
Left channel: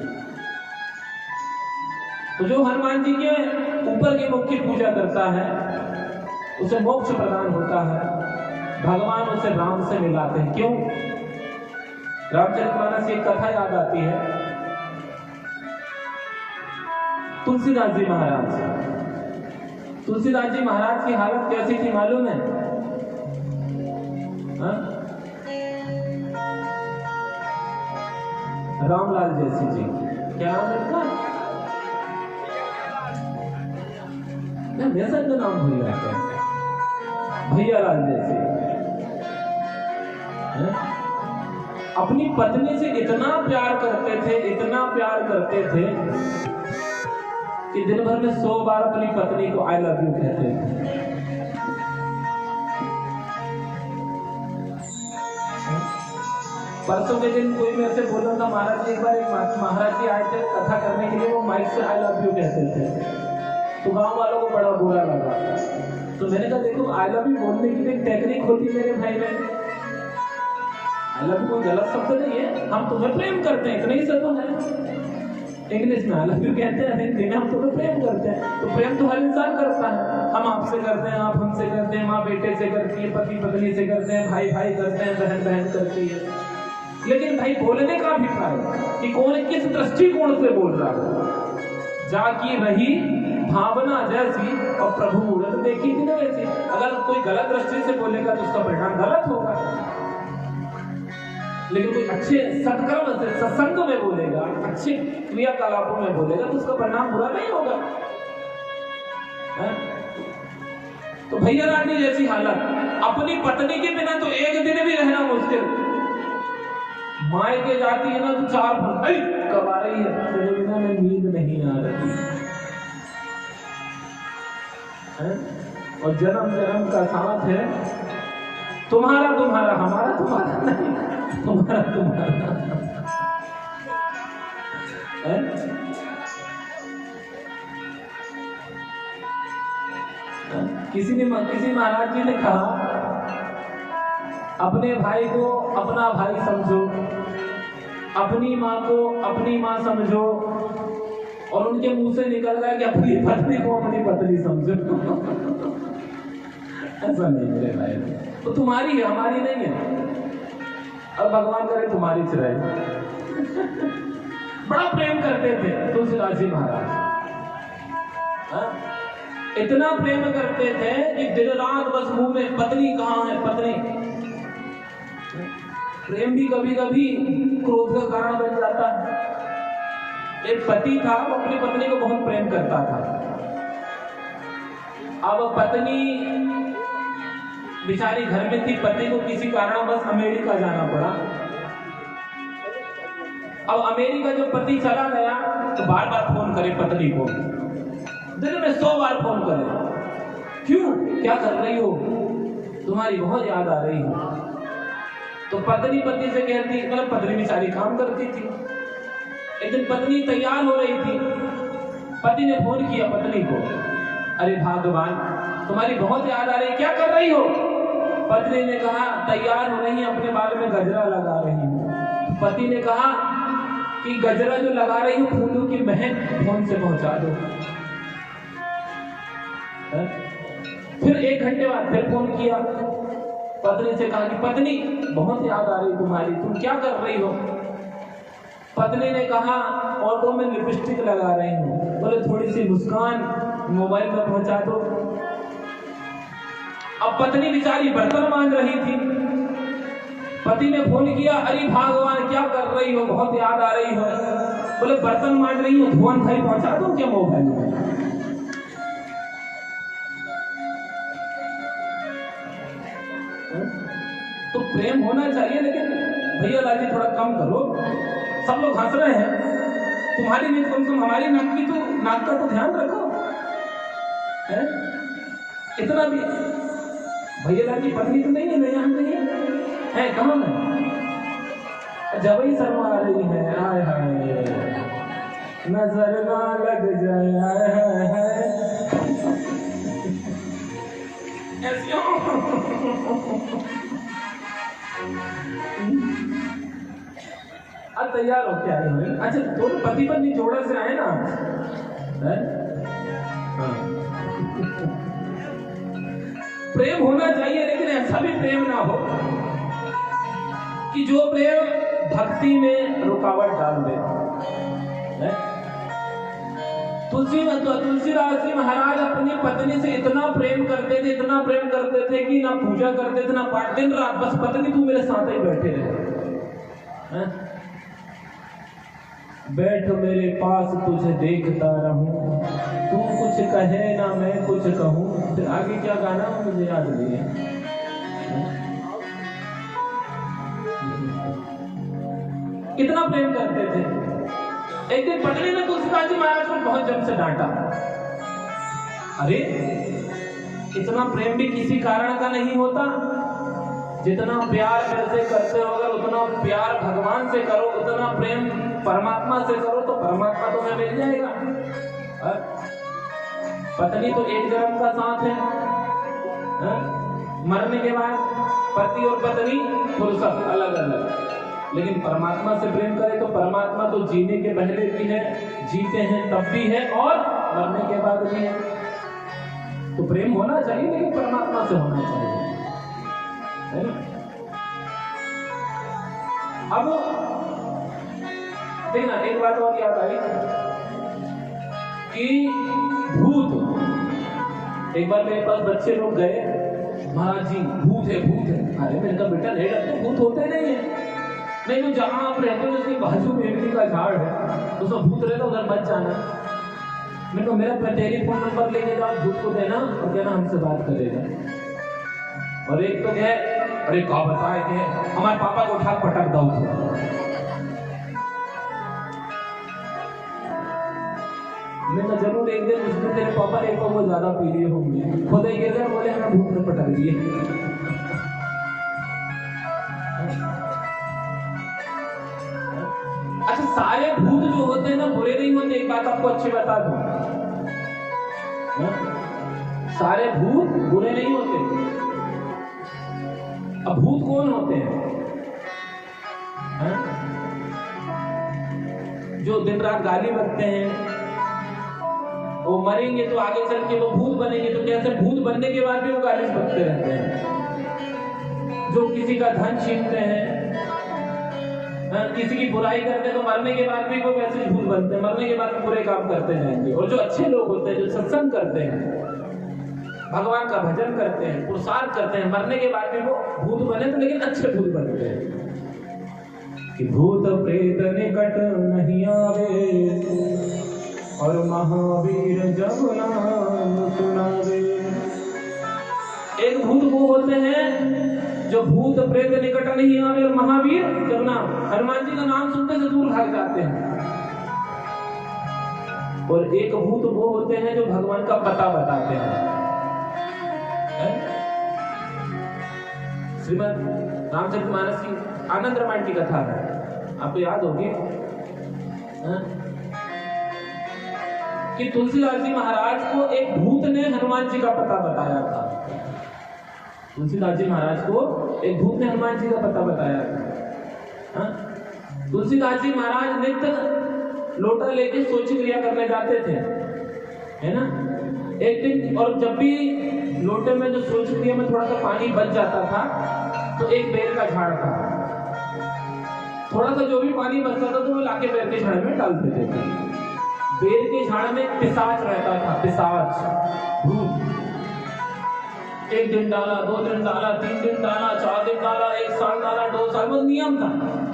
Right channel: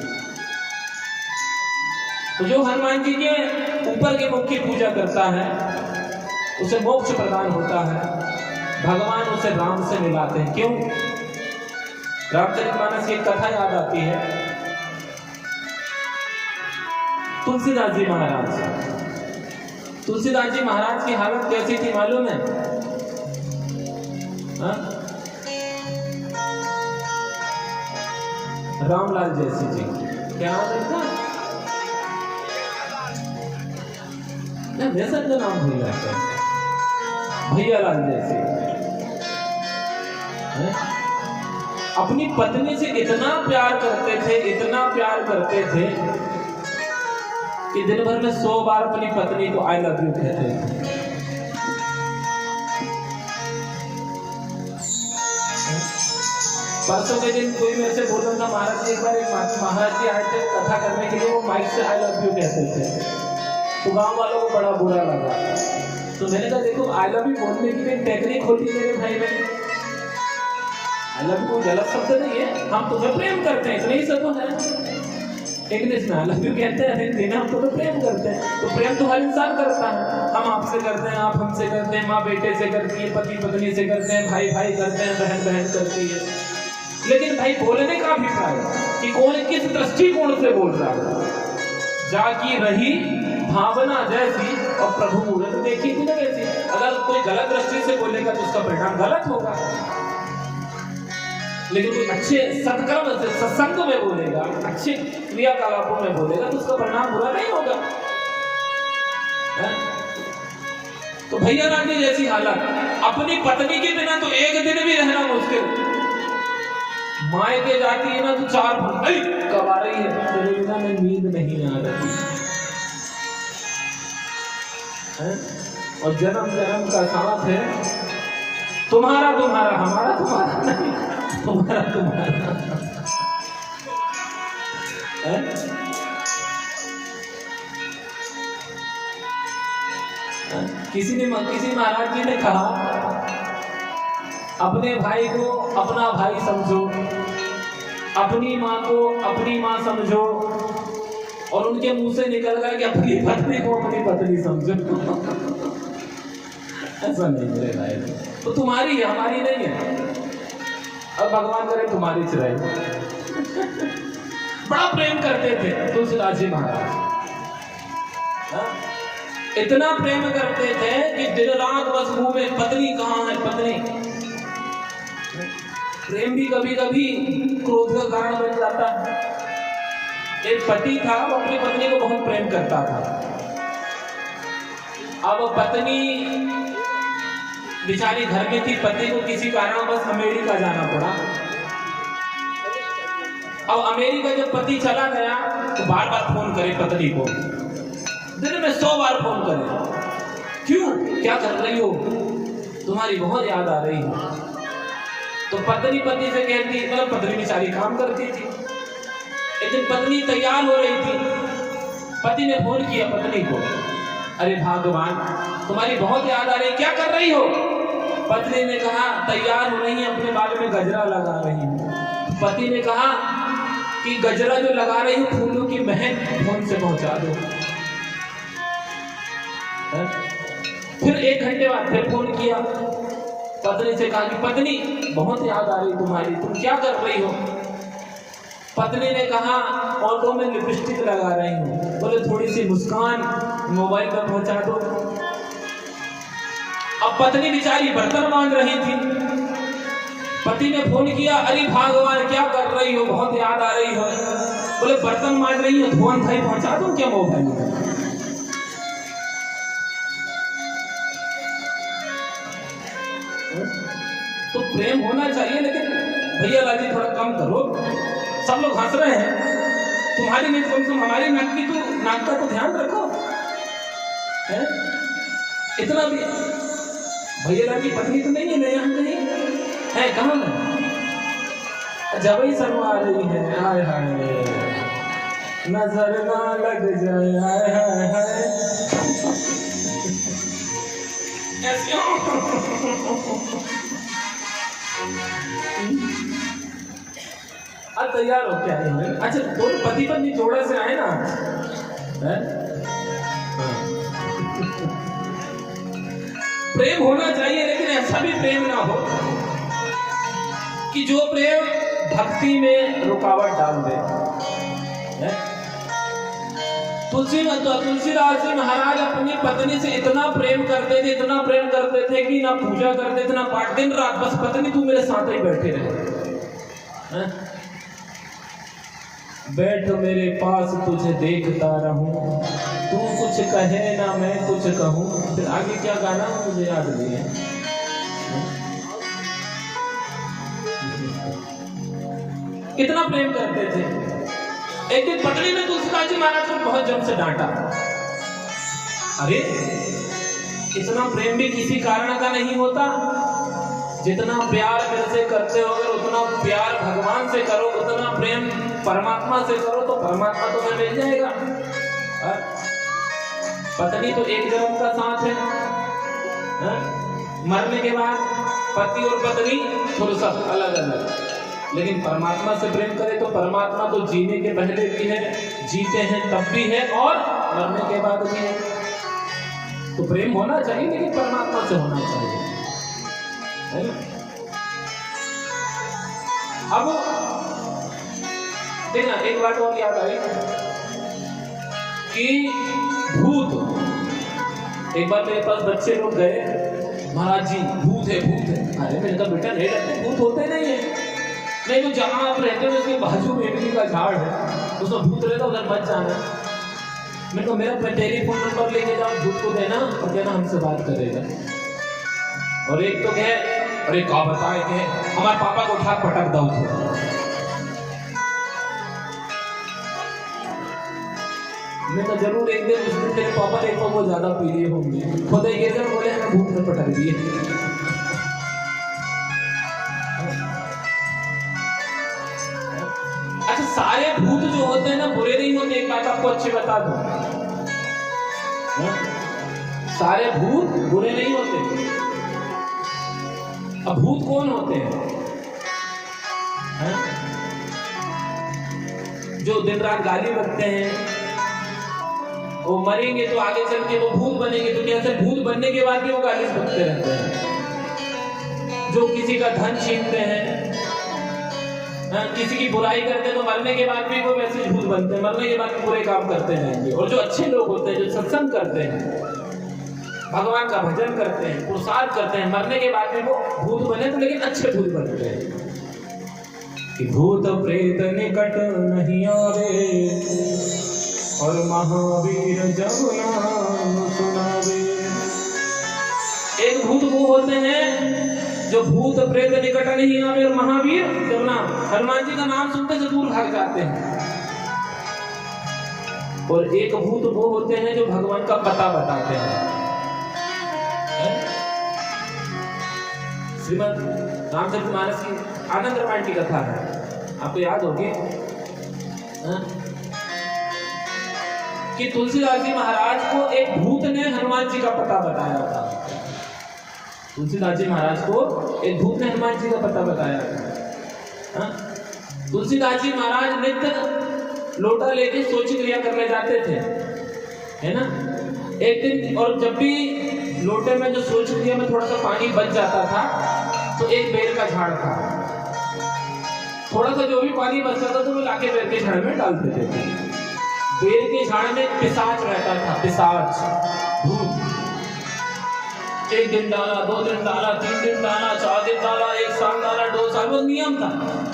तो जो हनुमान जी के ऊपर के मुख की पूजा करता है उसे मोक्ष प्रदान होता है, भगवान उसे राम से मिलाते हैं। क्यों? रामचरितमानस की एक कथा याद आती है, तुलसीदास जी महाराज की हालत कैसी थी मालूम है? रामलाल जैसी जी, क्या नाम है इनका? वैसा नाम भूल जाता है, भैयालाल जैसे। अपनी पत्नी से इतना प्यार करते थे कि दिन भर में 100 बार अपनी पत्नी को आई लव यू कहते थे। परसों के दिन कोई मेरे से बोल रहा था, महाराज जी एक बार एक महाराज जी आए थे कथा करने के लिए, वो माइक से आई लव यू कहते थे, तो गांव वालों को बड़ा बुरा लगा। तो मैंने कहा देखो, आई लव यू बोलने की भी टेक्निक होती है मेरे भाई में। आई लव यू कोई गलत शब्द नहीं है, हम तुम्हें प्रेम करते हैं, इतना ही सब है। इंग्लिश में आई लव यू कहते हैं, हिंदी में हम तुम्हें प्रेम करते हैं। तो प्रेम तो हर इंसान करता है, हम आपसे करते हैं, आप हमसे करते हैं, माँ बेटे से करती है, पति पत्नी से करते हैं, भाई भाई करते हैं, बहन बहन करती है। लेकिन भाई बोलने का अभिप्राय कि कौन किस दृष्टिकोण से बोल रहा है। जाकी रही भावना जैसी और प्रभु मूर्त देखी थी ना वैसी। अगर कोई गलत दृष्टि से बोलेगा तो उसका परिणाम गलत होगा, लेकिन कोई अच्छे सत्कर्म से सत्संग में बोलेगा, अच्छे क्रियाकलापों में बोलेगा तो उसका परिणाम बुरा नहीं होगा। तो भैया रानी जैसी हालत, अपनी पत्नी के बिना तो एक दिन भी रहना मुश्किल। मायके जाती है ना तो 4 कब आ रही है, तेरे बिना में नींद नहीं आ रही है। और जन्म जन्म का साथ है, तुम्हारा हमारा तुम्हारा नहीं, तुम्हारा है। किसी महाराज जी ने कहा, अपने भाई को अपना भाई समझो, अपनी माँ को अपनी माँ समझो, और उनके मुंह से निकल गया कि अपनी पत्नी को अपनी पत्नी समझो। ऐसा नहीं मेरे भाई, तो तुम्हारी है, हमारी नहीं है। अब भगवान करे तुम्हारी से रहे। बड़ा प्रेम करते थे तुलसीदास जी महाराज, इतना प्रेम करते थे कि दिन रात बस मुंह में पत्नी कहाँ है पत्नी। प्रेम भी कभी कभी क्रोध का कारण बन जाता है। एक पति था, वो अपनी पत्नी को बहुत प्रेम करता था। अब पत्नी बेचारी घर में थी, पति को किसी कारणवश अमेरिका जाना पड़ा। अब अमेरिका जब पति चला गया तो बार बार फोन करे पत्नी को, दिन में 100 बार फोन करे, क्यों, क्या कर रही हो, तुम्हारी बहुत याद आ रही है। तो पत्नी से कहती, मतलब पत्नी बेचारी काम करती थी, एक दिन पत्नी तैयार हो रही थी, पति ने फोन किया पत्नी को, अरे भगवान तुम्हारी बहुत याद आ रही, क्या कर रही हो। पत्नी ने कहा, तैयार हो रही है, अपने बाल में गजरा लगा रही हूँ। पति ने कहा कि गजरा जो लगा रही हूँ फूलों की महक फोन से पहुंचा दो। फिर 1 घंटे बाद फिर फोन किया, पत्नी से कहा कि पत्नी बहुत याद आ रही तुम्हारी, तुम क्या कर रही हो? पत्नी ने कहा और तो मैं लिपस्टिक लगा रही हूँ। बोले थोड़ी सी मुस्कान मोबाइल में पहुंचा दो। अब पत्नी बेचारी बर्तन मांज रही थी, पति ने फोन किया, अरे भगवान क्या कर रही हो, बहुत याद आ रही हो। बोले बर्तन मांज रही हो, धोन भाई पहुंचा दूं क्या मोबाइल में? तो प्रेम होना चाहिए, लेकिन भैया लाजी थोड़ा कम करो। सब लोग हंस रहे हैं, तुम्हारी नहीं कम से कम हमारी नाक का तो ध्यान रखो। है? इतना भी भैया लाजी पत्नी तो नहीं है ना यहाँ कहीं है? कहाँ है? जब ही शर्मा आ रही है, हाय हाय नजर ना लग जाए, हाय हाय हाय ऐसे। अब तैयार हो क्या है? अच्छा दोनों पति पत्नी जोड़े से आए ना, प्रेम होना चाहिए, लेकिन ऐसा भी प्रेम ना हो कि जो प्रेम भक्ति में रुकावट डाल दे। तुलसीदास जी महाराज अपनी पत्नी से इतना प्रेम करते थे, इतना प्रेम करते थे कि ना पूजा करते थे ना पाठ, दिन रात बस पत्नी तू मेरे साथ ही बैठे रहे। बैठ मेरे पास तुझे देखता रहूं, तू कुछ कहे ना मैं कुछ कहूं। फिर आगे क्या गाना मुझे याद नहीं है। कितना प्रेम करते थे। एक दिन पत्नी ने तुलसीदास जी महाराज को बहुत जम से डांटा, अरे इतना प्रेम भी किसी कारण का नहीं होता। जितना प्यार मेरे से करते हो, अगर उतना प्यार भगवान से करो, उतना प्रेम परमात्मा से करो, तो परमात्मा तो मिल जाएगा। पत्नी तो एक जन्म का साथ है, मरने के बाद पति और पत्नी फुर्सत अलग अलग। लेकिन परमात्मा से प्रेम करे तो परमात्मा तो जीने के पहले भी है, जीते हैं तब भी है, और मरने के बाद भी है। तो प्रेम होना चाहिए, लेकिन परमात्मा से होना चाहिए, है ना? अब देखना एक बात और याद आई कि भूत, एक बार मेरे पास बच्चे लोग गए, महाराज जी भूत है भूत है। अरे मैंने कहा बेटा नहीं लगते, भूत होते नहीं है। नहीं वो जहाँ आप रहते हो उसके बाजू में इमली का झाड़ है, उसमें भूत रहता उधर मत जाना। मैंने कहा मेरा टेलीफोन नंबर लेके जाओ, भूत को देना और कहना हमसे बात करेगा। और एक तो कहे अरे क्या बताए कि हमारे पापा को उठा पटक दो। मैं जरूर एक दिन उस दिन मेरे पापा ने वो ज्यादा पी लिए होंगे, खुद ये जब बोले हमें भूत में पटक दिए। अच्छा सारे भूत जो होते हैं ना बुरे नहीं होते, एक बात आपको अच्छी बता दूं, सारे भूत बुरे नहीं होते। अब भूत कौन होते हैं? जो दिन रात गाली बकते हैं, वो मरेंगे तो आगे चल के वो भूत बनेंगे, दुनिया से भूत बनने के बाद भी वो गाली बकते रहते हैं। जो किसी का धन छीनते हैं, किसी की बुराई करते हैं, तो मरने के बाद भी वो वैसे भूत बनते हैं, मरने के बाद भी बुरे काम करते रहेंगे। और जो अच्छे लोग होते हैं, जो सत्संग करते हैं, भगवान का भजन करते हैं, पुरुषार्थ करते हैं, मरने के बाद भी वो भूत बने तो लेकिन अच्छे भूत बनते हैं। कि भूत प्रेत निकट नहीं आवे और महावीर जब नाम सुनावे। एक भूत वो होते हैं जो भूत प्रेत निकट नहीं आवे और महावीर जब नाम, हनुमान जी का नाम सुनते से दूर भाग जाते हैं। और एक भूत वो होते हैं जो भगवान का पता बताते हैं। श्रीमद् रामचरितमानस की आनंद रामायण की कथा है, आपको याद होगी कि तुलसीदास जी महाराज को एक भूत ने हनुमान जी का पता बताया था। तुलसीदास जी महाराज को एक भूत ने हनुमान जी का पता बताया था। तुलसीदास जी महाराज नित्य लोटा लेके सोची क्रिया करने जाते थे, है ना? एक दिन, और जब भी लोटे में जो सोच दिया में थोड़ा सा पानी बच जाता था, तो एक बेर का झाड़ था, थोड़ा सा जो भी पानी बचता था तो वो लाके बेर के झाड़ में डाल देते थे। बेर के झाड़ में पिशाच रहता था, पिशाच, भूत। एक दिन डाला, 2 दिन डाला, 3 दिन डाला, 4 दिन डाला, 1 साल डाला, 2 साल, वो नियम था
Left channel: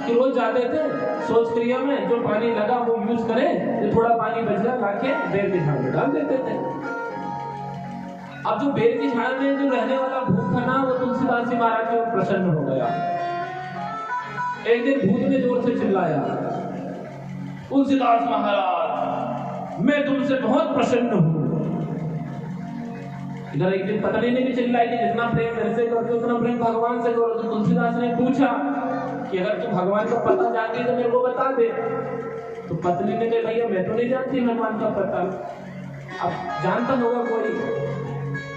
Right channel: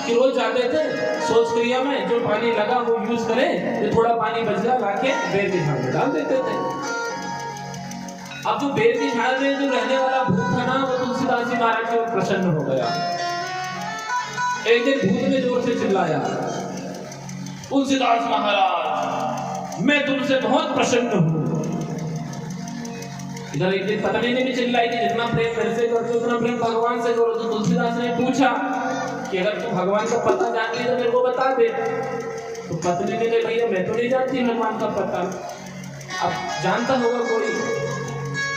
कि रोज जाते थे सोच क्रिया में, जो पानी लगा वो यूज करें, जो थोड़ा पानी बच गया लाके बेर के झाड़ में डाल देते थे। अब जो बेर के झाड़ में जो रहने वाला भूत था ना, वो तुलसीदास जी महाराज के प्रसन्न हो गया। एक दिन भूत ने जोर से चिल्लाया, तुलसीदास महाराज मैं तुमसे बहुत प्रसन्न हूँ। इधर एक दिन पत्नी ने भी चिल्लाई कि जितना प्रेम मेरे से करते उतना प्रेम भगवान से करो। तो तुलसीदास ने पूछा कि अगर तू भगवान का पता जानती है तो मेरे को बता दे। तो पत्नी ने कहा भैया मैं तो नहीं जानती भगवान का पता। अब जानता होगा कोई,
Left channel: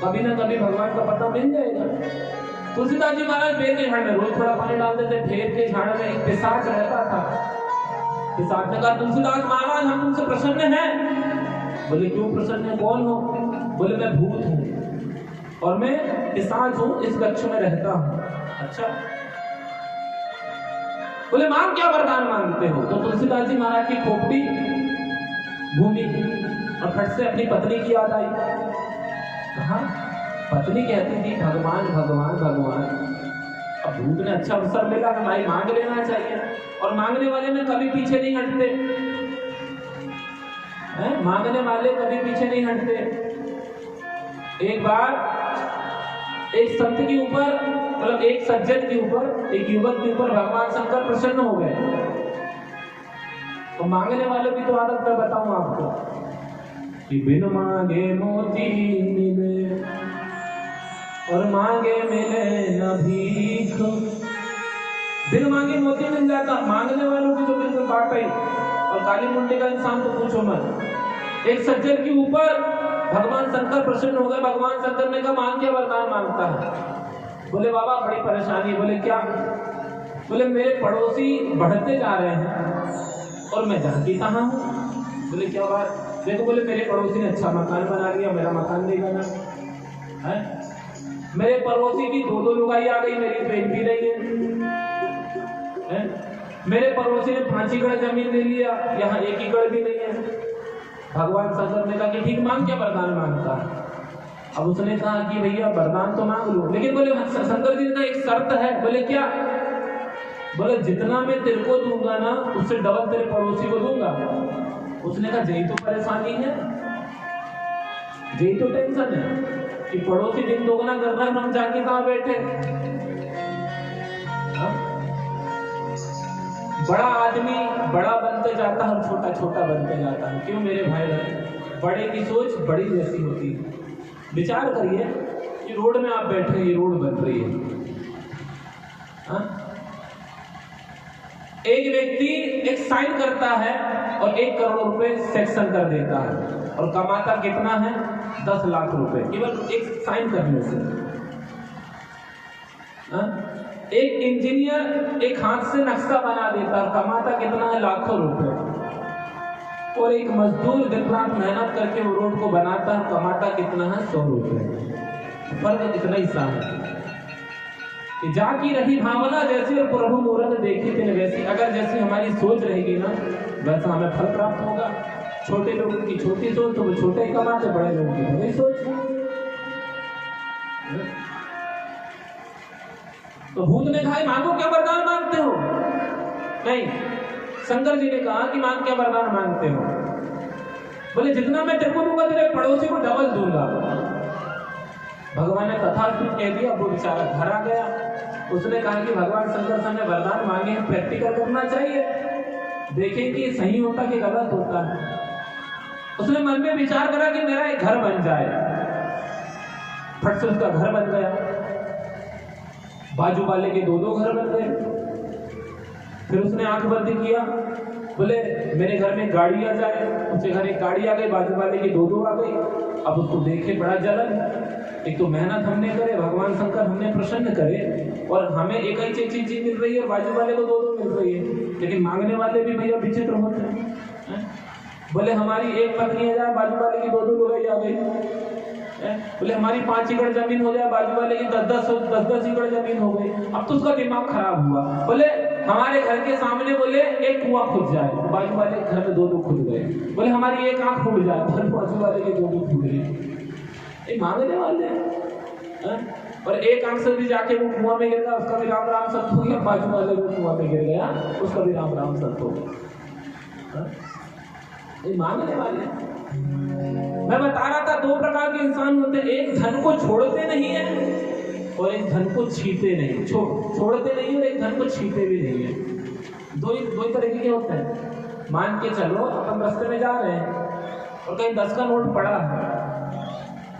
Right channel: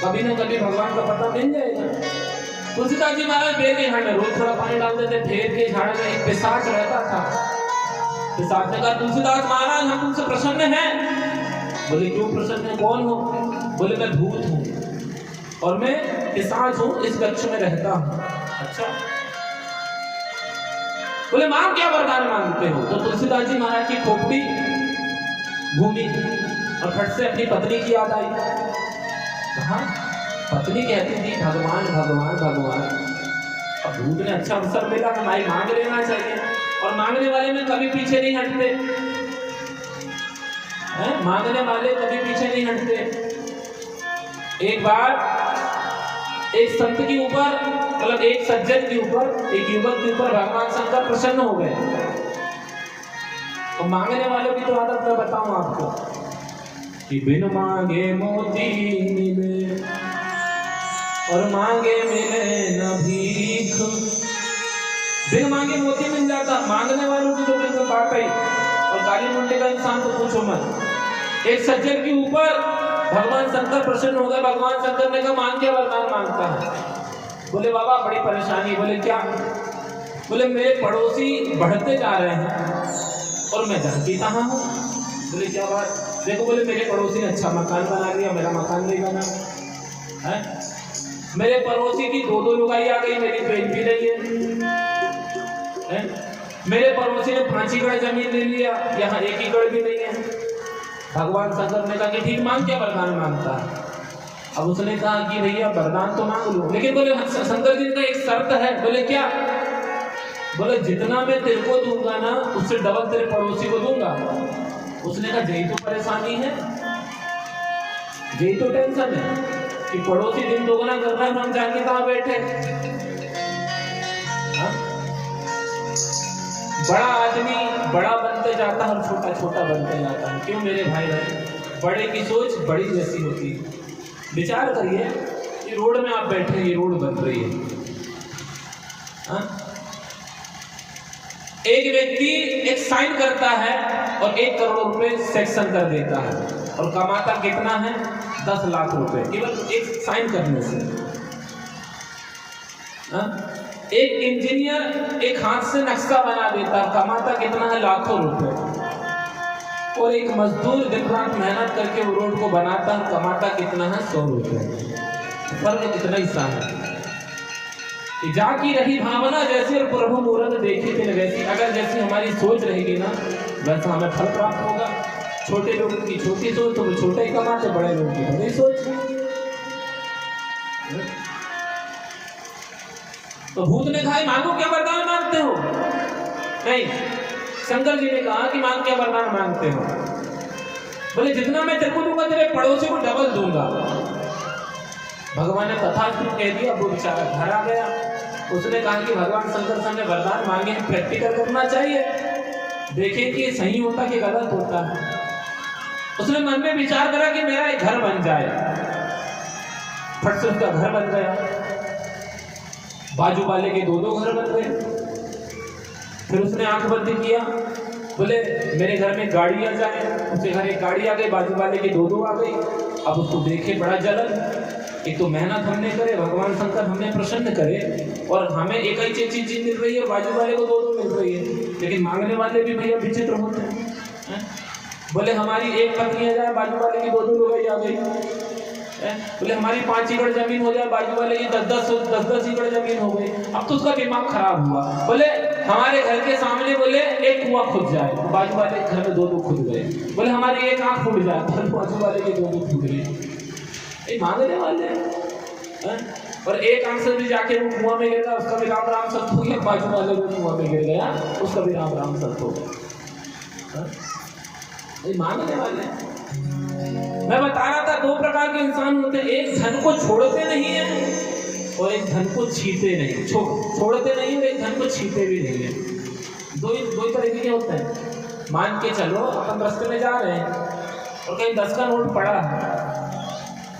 कभी ना कभी भगवान का पता मिल जाएगा। तुलसीदास जी महाराज बेर के झाड़ में रोज थोड़ा पानी डालते थे। बेर के झाड़ में एक पिशाच रहता था। पिशाच ने कहा तुलसीदास महाराज हम तुमसे प्रसन्न हैं। बोले क्यों प्रसन्न है, कौन हो? बोले मैं भूत हूँ और मैं पिशाच हूँ, इस वृक्ष में रहता हूँ। अच्छा, बोले मां क्या वरदान मांगते हो? तो तुलसीदास जी महाराज की खोपड़ी घूमी और फट से अपनी पत्नी की याद आई। कहा पत्नी कहती थी भगवान भगवान भगवान। अब भूत ने अच्छा अवसर मिला, हमारी मांग लेना चाहिए, और मांगने वाले में कभी पीछे नहीं हटते हैं, मांगने वाले कभी पीछे नहीं हटते। एक बार एक संत के ऊपर, मतलब एक सज्जन के ऊपर, एक युवक के ऊपर भगवान शंकर प्रसन्न हो गए। तो मांगने वालों की तो आदत मैं बताऊं आपको कि बिन मांगे मोती मिले और मांगे मिले न भीख। बिन मांगे मोती मिल जाता, मांगने वालों की तो बिल्कुल बात है। और काली मुंडे का इंसान तो पूछो मत। एक सज्जन के ऊपर भगवान शंकर प्रसन्न हो गए। भगवान शंकर ने कहा मांग के वरदान मांगता है। बोले बाबा बड़ी परेशानी। बोले क्या? बोले मेरे पड़ोसी बढ़ते जा रहे हैं और मैं जानती कहाँ हूँ। बोले क्या बात? देखो बोले मेरे पड़ोसी ने अच्छा मकान बना लिया, मेरा मकान नहीं बना है। मेरे पड़ोसी की 2 लुगाई आ गई, मेरी बेच भी नहीं है। मेरे पड़ोसी ने 5 एकड़ जमीन ले लिया, यहाँ 1 एकड़ भी नहीं है। भगवान शंकर ने कहा कि ठीक मांग, क्या वरदान मांगता है? अब उसने कहा कि भैया वरदान तो मांग लो, लेकिन बोले शंकर जी का एक शर्त है। बोले क्या? बोले जितना मैं तेरे को दूंगा ना उससे डबल तेरे पड़ोसी को दूंगा। उसने कहा यही तो परेशानी है, यही तो टेंशन है कि पड़ोसी दिन दोगुना कर रहा है, हम जाके कहाँ बैठे। बड़ा आदमी बड़ा बनते जाता है और छोटा छोटा बनते जाता है। क्यों मेरे भाई बहन? बड़े की सोच बड़ी जैसी होती है। विचार करिए कि रोड में आप बैठे, ये रोड बन रही है, एक व्यक्ति एक साइन करता है और 1 करोड़ रुपए सेक्शन कर देता है और कमाता कितना है? 10 लाख रुपए केवल एक साइन करने से। एक इंजीनियर एक हाथ से नक्शा बना देता है, कमाता कितना है? लाखों रुपए। और एक मजदूर दिन रात मेहनत करके वो रोड को बनाता है, कमाता कितना है? 100 रुपए। फर्क कितना ही सा है। जाकी रही भावना जैसे और प्रभु मूरत देखी थे वैसी। अगर जैसी हमारी सोच रहेगी ना वैसा हमें फल प्राप्त होगा। छोटे लोगों की छोटी सोच तो वो छोटे ही कमाते, बड़े लोगों की बड़ी सोच। तो भूत ने कहा मांगो क्या वरदान मांगते हो? नहीं, शंकर जी ने कहा कि मांग क्या वरदान मांगते हो? बोले जितना मैं तेरे को दूंगा तेरे पड़ोसी को डबल दूंगा। भगवान ने तथास्तु कह दिया। वो बेचारा घर आ गया। उसने कहा कि भगवान शंकर से हमें वरदान मांगे हैं, प्रैक्टिकल करना चाहिए, देखें कि सही होता कि गलत होता है। उसने मन में विचार करा कि मेरा एक घर बन जाए। फट से उसका घर बन गया। बाजू वाले के 2 घर बन गए। फिर उसने आंख बंद किया, बोले मेरे घर में गाड़ी आ जाए। उसके घर एक गाड़ी आ गई, बाजू वाले की 2 आ गई। अब उसको देखे बड़ा जलन। एक तो मेहनत हमने करे, भगवान शंकर हमने प्रसन्न करे और हमें एक ही चीज मिल रही है और बाजू वाले को 2 मिल रही है। लेकिन मांगने वाले भी भैया विचित्र होते हैं। बोले हमारी एक पत्नी आ जाए, बाजू वाले की 2 लोग आ गई। बोले हमारी 5 एकड़ जमीन हो जाए, बाजू वाले की 10 एकड़ जमीन हो गई। अब तो उसका दिमाग खराब हुआ। बोले हमारे घर के सामने बोले एक कुआं खुद जाए, तो बाजू वाले घर में 2 खुद गए। बोले हमारी एक आंख फूट जाए, बाजू वाले के 2 फूट गए। मांगने वाले और एक आंख से भी जाके वो कुआं में गिर गया, उसका भी राम राम सत्य हो गया। बाजू वाले वो कुआं में गिर गया, उसका भी राम राम सत्य हो गया। मांगने वाले। मैं बता रहा था 2 प्रकार के इंसान होते हैं, एक धन को छोड़ते नहीं है और एक धन को छीते नहीं। छोड़ते नहीं और एक धन को छीते भी नहीं है। दो ही तरह के होते हैं। मान के चलो अपन रास्ते में जा रहे हैं और कहीं 10 का नोट पड़ा है,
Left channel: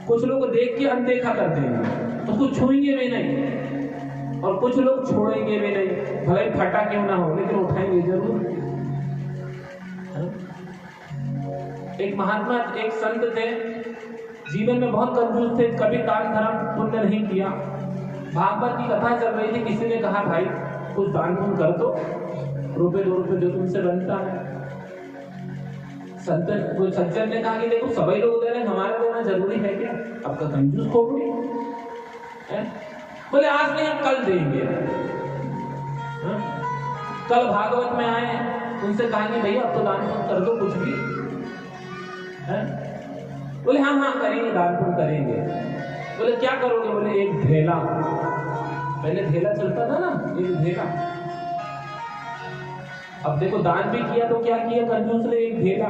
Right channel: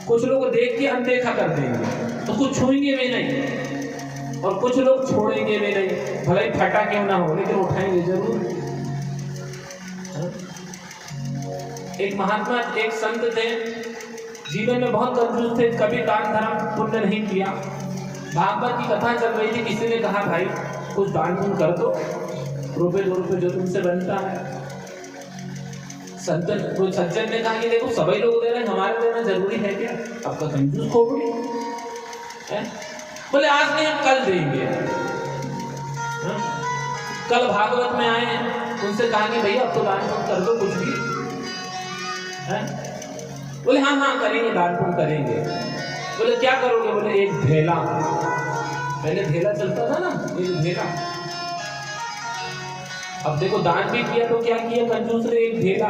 कुछ लोग देख के अनदेखा कर देंगे, उसको छूएंगे भी नहीं, और कुछ लोग छोड़ेंगे भी नहीं, भले ही फटा क्यों ना हो लेकिन उठाएंगे जरूर। एक महात्मा, एक संत थे, जीवन में बहुत कंजूस थे, कभी दान धर्म पुण्य नहीं किया। भागवत की कथा चल रही थी, किसी ने कहा भाई कुछ दान पुण्य कर दो, ₹2 जो तुमसे बनता है। सज्जन ने कहा कि देखो सभी लोग दे रहे हैं, हमारा देना जरूरी है क्या? आपका कंजूस खोपड़ी है। बोले आज नहीं हम कल देंगे। कल भागवत में आए, उनसे कहा कि भैया अब तो दान पुण्य कर दो कुछ भी है? बोले हाँ करेंगे, दान पुण्य करेंगे। बोले क्या करोगे? बोले एक ढेला, पहले ढेला चलता था ना, एक ढेला। अब देखो दान भी किया तो क्या किया कंजूस ने, एक ढेला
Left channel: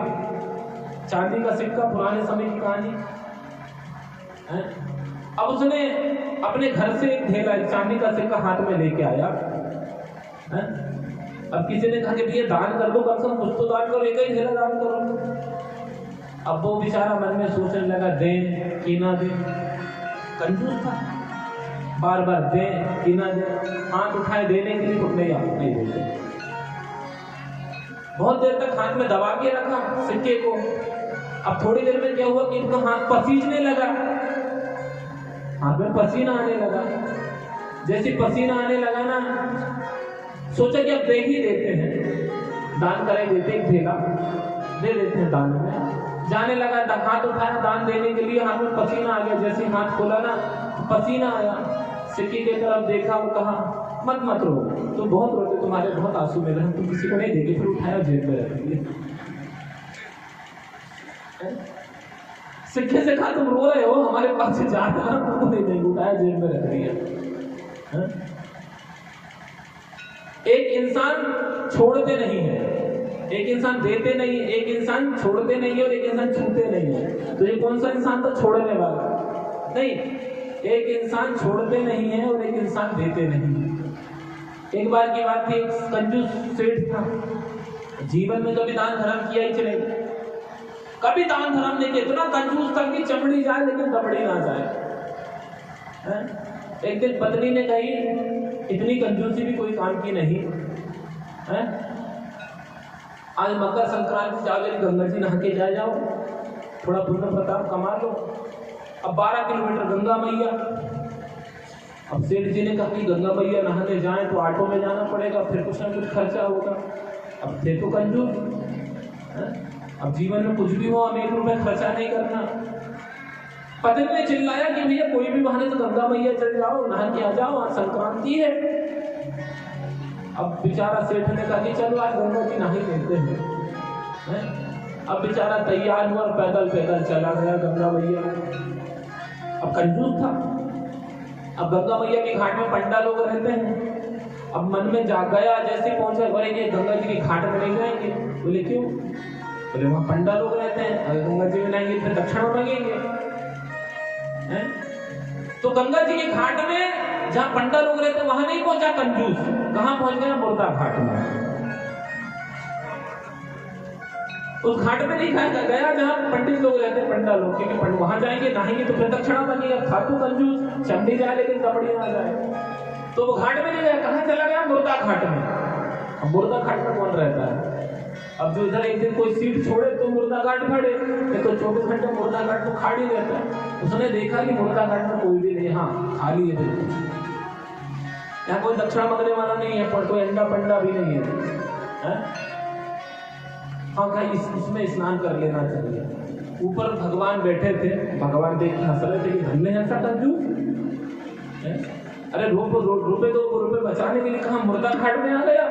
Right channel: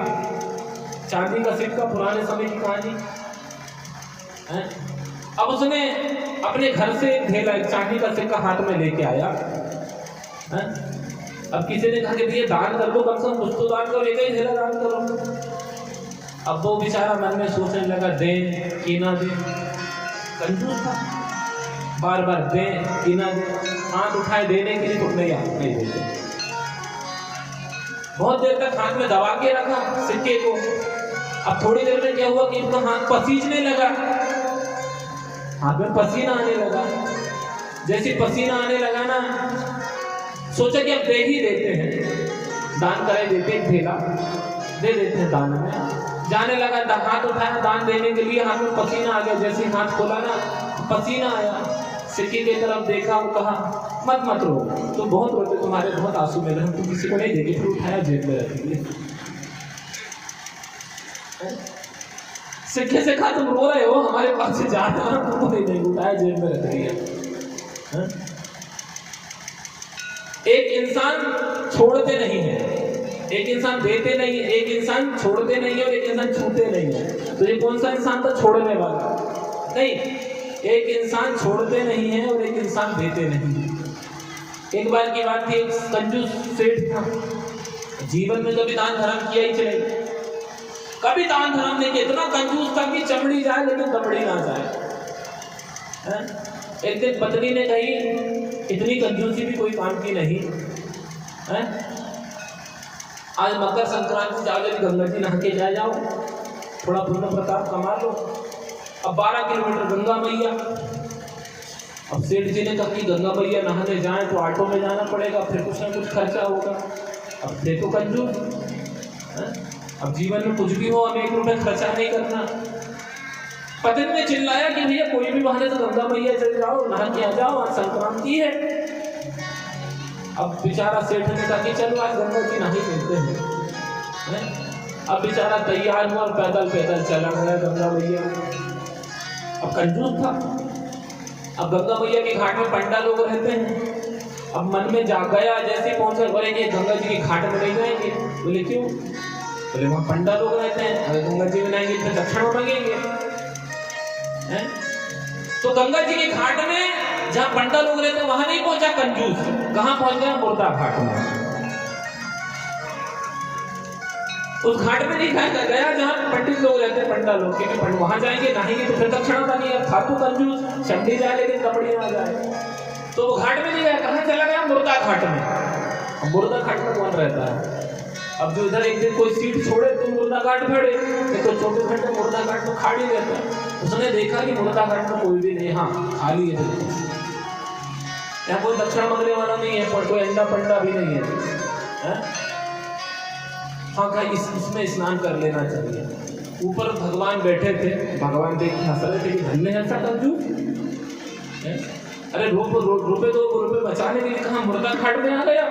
चांदी का सिक्का, पुराने समय की कहानी है। अब उसने अपने घर से एक ढेला चांदी का सिक्का हाथ में लेके आया है? अब किसी ने कहा कि भैया दान कर दो, कम से कम कुछ तो दान करो, लेकर ढेला दान करो। अब वो बेचारा मन में सोचने लगा दें कि ना दें, कंजूस था, बार बार दें कि ना दें, हाथ उठाए देने के लिए तो नहीं देते। बहुत देर तक हाथ में दबा के रखा सिक्के को। अब थोड़ी देर में क्या हुआ कि उनका हाथ पसीजने लगा, हाथ में पसीना आने लगा। जैसे पसीना आने लगा ना, सोचा कि अब दे ही देते हैं, दान करे देते, एक ढेला दे देते हैं दान में। जाने लगा, हाथ उठाया दान देने के लिए, हाथ में पसीना आ गया। जैसे हाथ खोला ना, पसीना आया, सिक्के की तरफ देखा, वो कहा मत रो, तुम बहुत रोते, तुम्हारे बहुत आंसू मिले, हम तुम किसी को नहीं देंगे। फिर उठाया जेब में रख दिया। सिक्के से कहा तुम रो रहे हो, हमारे पास से जाना, तुमको नहीं देंगे, उठाया जेब में रख दिया। एक इंसान छोड़ते नहीं है, एक इंसान देते नहीं है, एक इंसान छोड़ते नहीं है और एक इंसान छूते नहीं है। तो ये कौन सा इंसान था छोड़ने वाला? नहीं, एक इंसान छोड़ते नहीं है और एक इंसान देते नहीं। एक बार की बात थी, एक कंजूस सेठ था, जीवन में कभी दान धर्म किया ही चले, कभी दान धर्म नहीं किया, इतना कंजूस था कि चमड़ी जाए लेकिन कपड़ी ना जाए। एक दिन पत्नी ने कही इतनी कंजूसी भी कोई काम की नहीं है, आज मकर संक्रांति जाओ, गंगा जी नहा के जाओ, थोड़ा पुण्य प्रताप कमा लो। अब 12 किलोमीटर गंगा मैया। अब सेठ जी ने कहा कि गंगा मैया नहाने जाए तो ऑटो में जाना पड़ेगा, फिर कुछ ना कुछ खर्चा होगा। अब थे तो कंजूस, अब जीवन में कुछ भी हो हमें 1 रुपये खर्चा नहीं करना। पत्नी ने चिल्लाया कि भैया कोई भी बहाने से गंगा मैया चल जाओ, नहा के आ जाओ, आज संक्रांति है। अब बेचारा सेठ ने कहा कि चलो आज गंगा जी नहीं मिलते हैं। अब बेचारा तैयार हुआ और पैदल चला गया गंगा मैया। अब कंजूस था। अब गंगा मैया के घाट में पंडा लोग रहते हैं। अब मन में जाग गया, जैसे पहुंचा, बोले कि गंगा जी के घाट में नहीं जाएंगे। बोले क्यों? बोले वहाँ पंडा लोग रहते हैं, अगर गंगा जी में नहीं फिर दक्षिणा मांगेंगे। तो गंगा जी के घाट में जहाँ पंडा लोग रहते हैं वहां नहीं पहुंचा कंजूस, कहां पहुंच गया? मुर्दा घाट में। उस घाट में नहीं गया जहाँ पंडित लोग रहते हैं, पंडा लोग, क्योंकि वहां जाएंगे नहाएंगे तो फिर दक्षिणा मांगेंगे। था तो कंजूस, चंडी जाए लेकिन कपड़ी ना जाए, तो वो घाट में नहीं गया। कहाँ चला गया? मुर्दा घाट में। अब मुर्दा घाट में कौन रहता है? अब जो इधर एक दिन कोई सीट छोड़े तो मुर्दा घाट खड़े, तो 24 घंटे मुर्दा घाट में खाड़ी रहता है। उसने देखा कि मुर्दा घाट में कोई भी नहीं, हाँ खाली है, यहाँ कोई दक्षिणा मांगने वाला नहीं है, कोई अंडा पंडा भी नहीं है। हाँ कहा इसमें स्नान कर लेना चाहिए। ऊपर भगवान बैठे थे, भगवान देख हंस रहे थे कि धन्य है ऐसा कंजूस। अरे रुपए 2 रुपए बचाने के लिए कहाँ मुर्दा घाट में आ गया।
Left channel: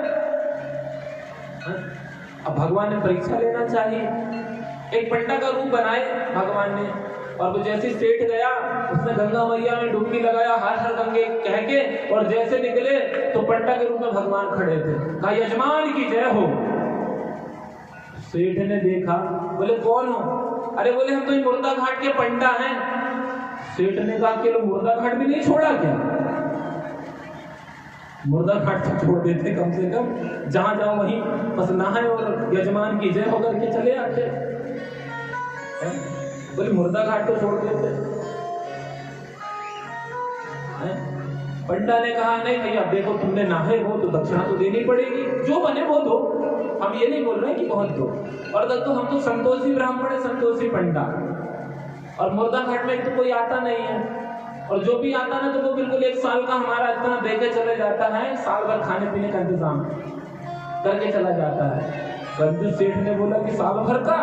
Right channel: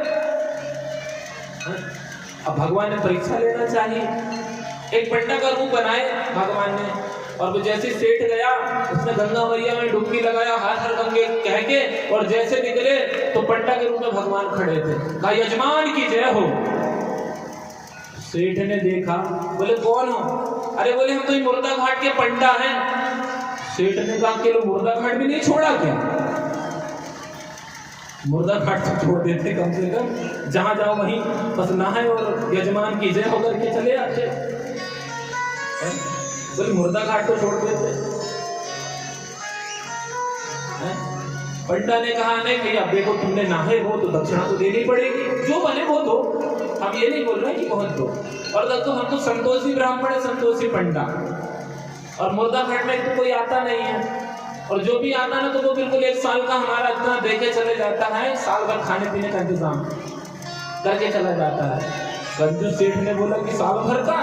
अब भगवान ने परीक्षा लेना चाहिए। एक पंडा का रूप बनाए भगवान ने, और वो जैसे सेठ गया उसने गंगा मैया में डुबकी लगाया हर हर गंगे कह के, और जैसे निकले तो पंडा के रूप में भगवान खड़े थे। कहा यजमान की जय हो। सेठ ने देखा, बोले कौन हो? अरे बोले हम तो ये मुर्दा घाट के पंडा हैं। सेठ ने कहा कि लो मुर्दा घाट भी नहीं छोड़ा क्या? मुर्दा घाट तो छोड़ देते कम से कम, जहां जाओ वहीं बस नहाए और यजमान की जय होकर के चले आते। बोले मुर्दा घाट तो छोड़ देते। पंडा ने कहा नहीं भैया देखो तुमने नहाए हो तो दक्षिणा तो देनी पड़ेगी, जो बने वो दो, हम ये नहीं बोल रहे कि बहुत दो। और तो हम तो संतोषी ब्राह्मण है, संतोषी पंडा, और मुर्दा घाट में तो कोई आता नहीं है, और जो भी आता ना तो वो बिल्कुल 1 साल का हमारा इतना देके चले जाता है, साल भर खाने पीने का इंतजाम करके चला जाता है। कंजूस सेठ ने बोला कि साल भर का,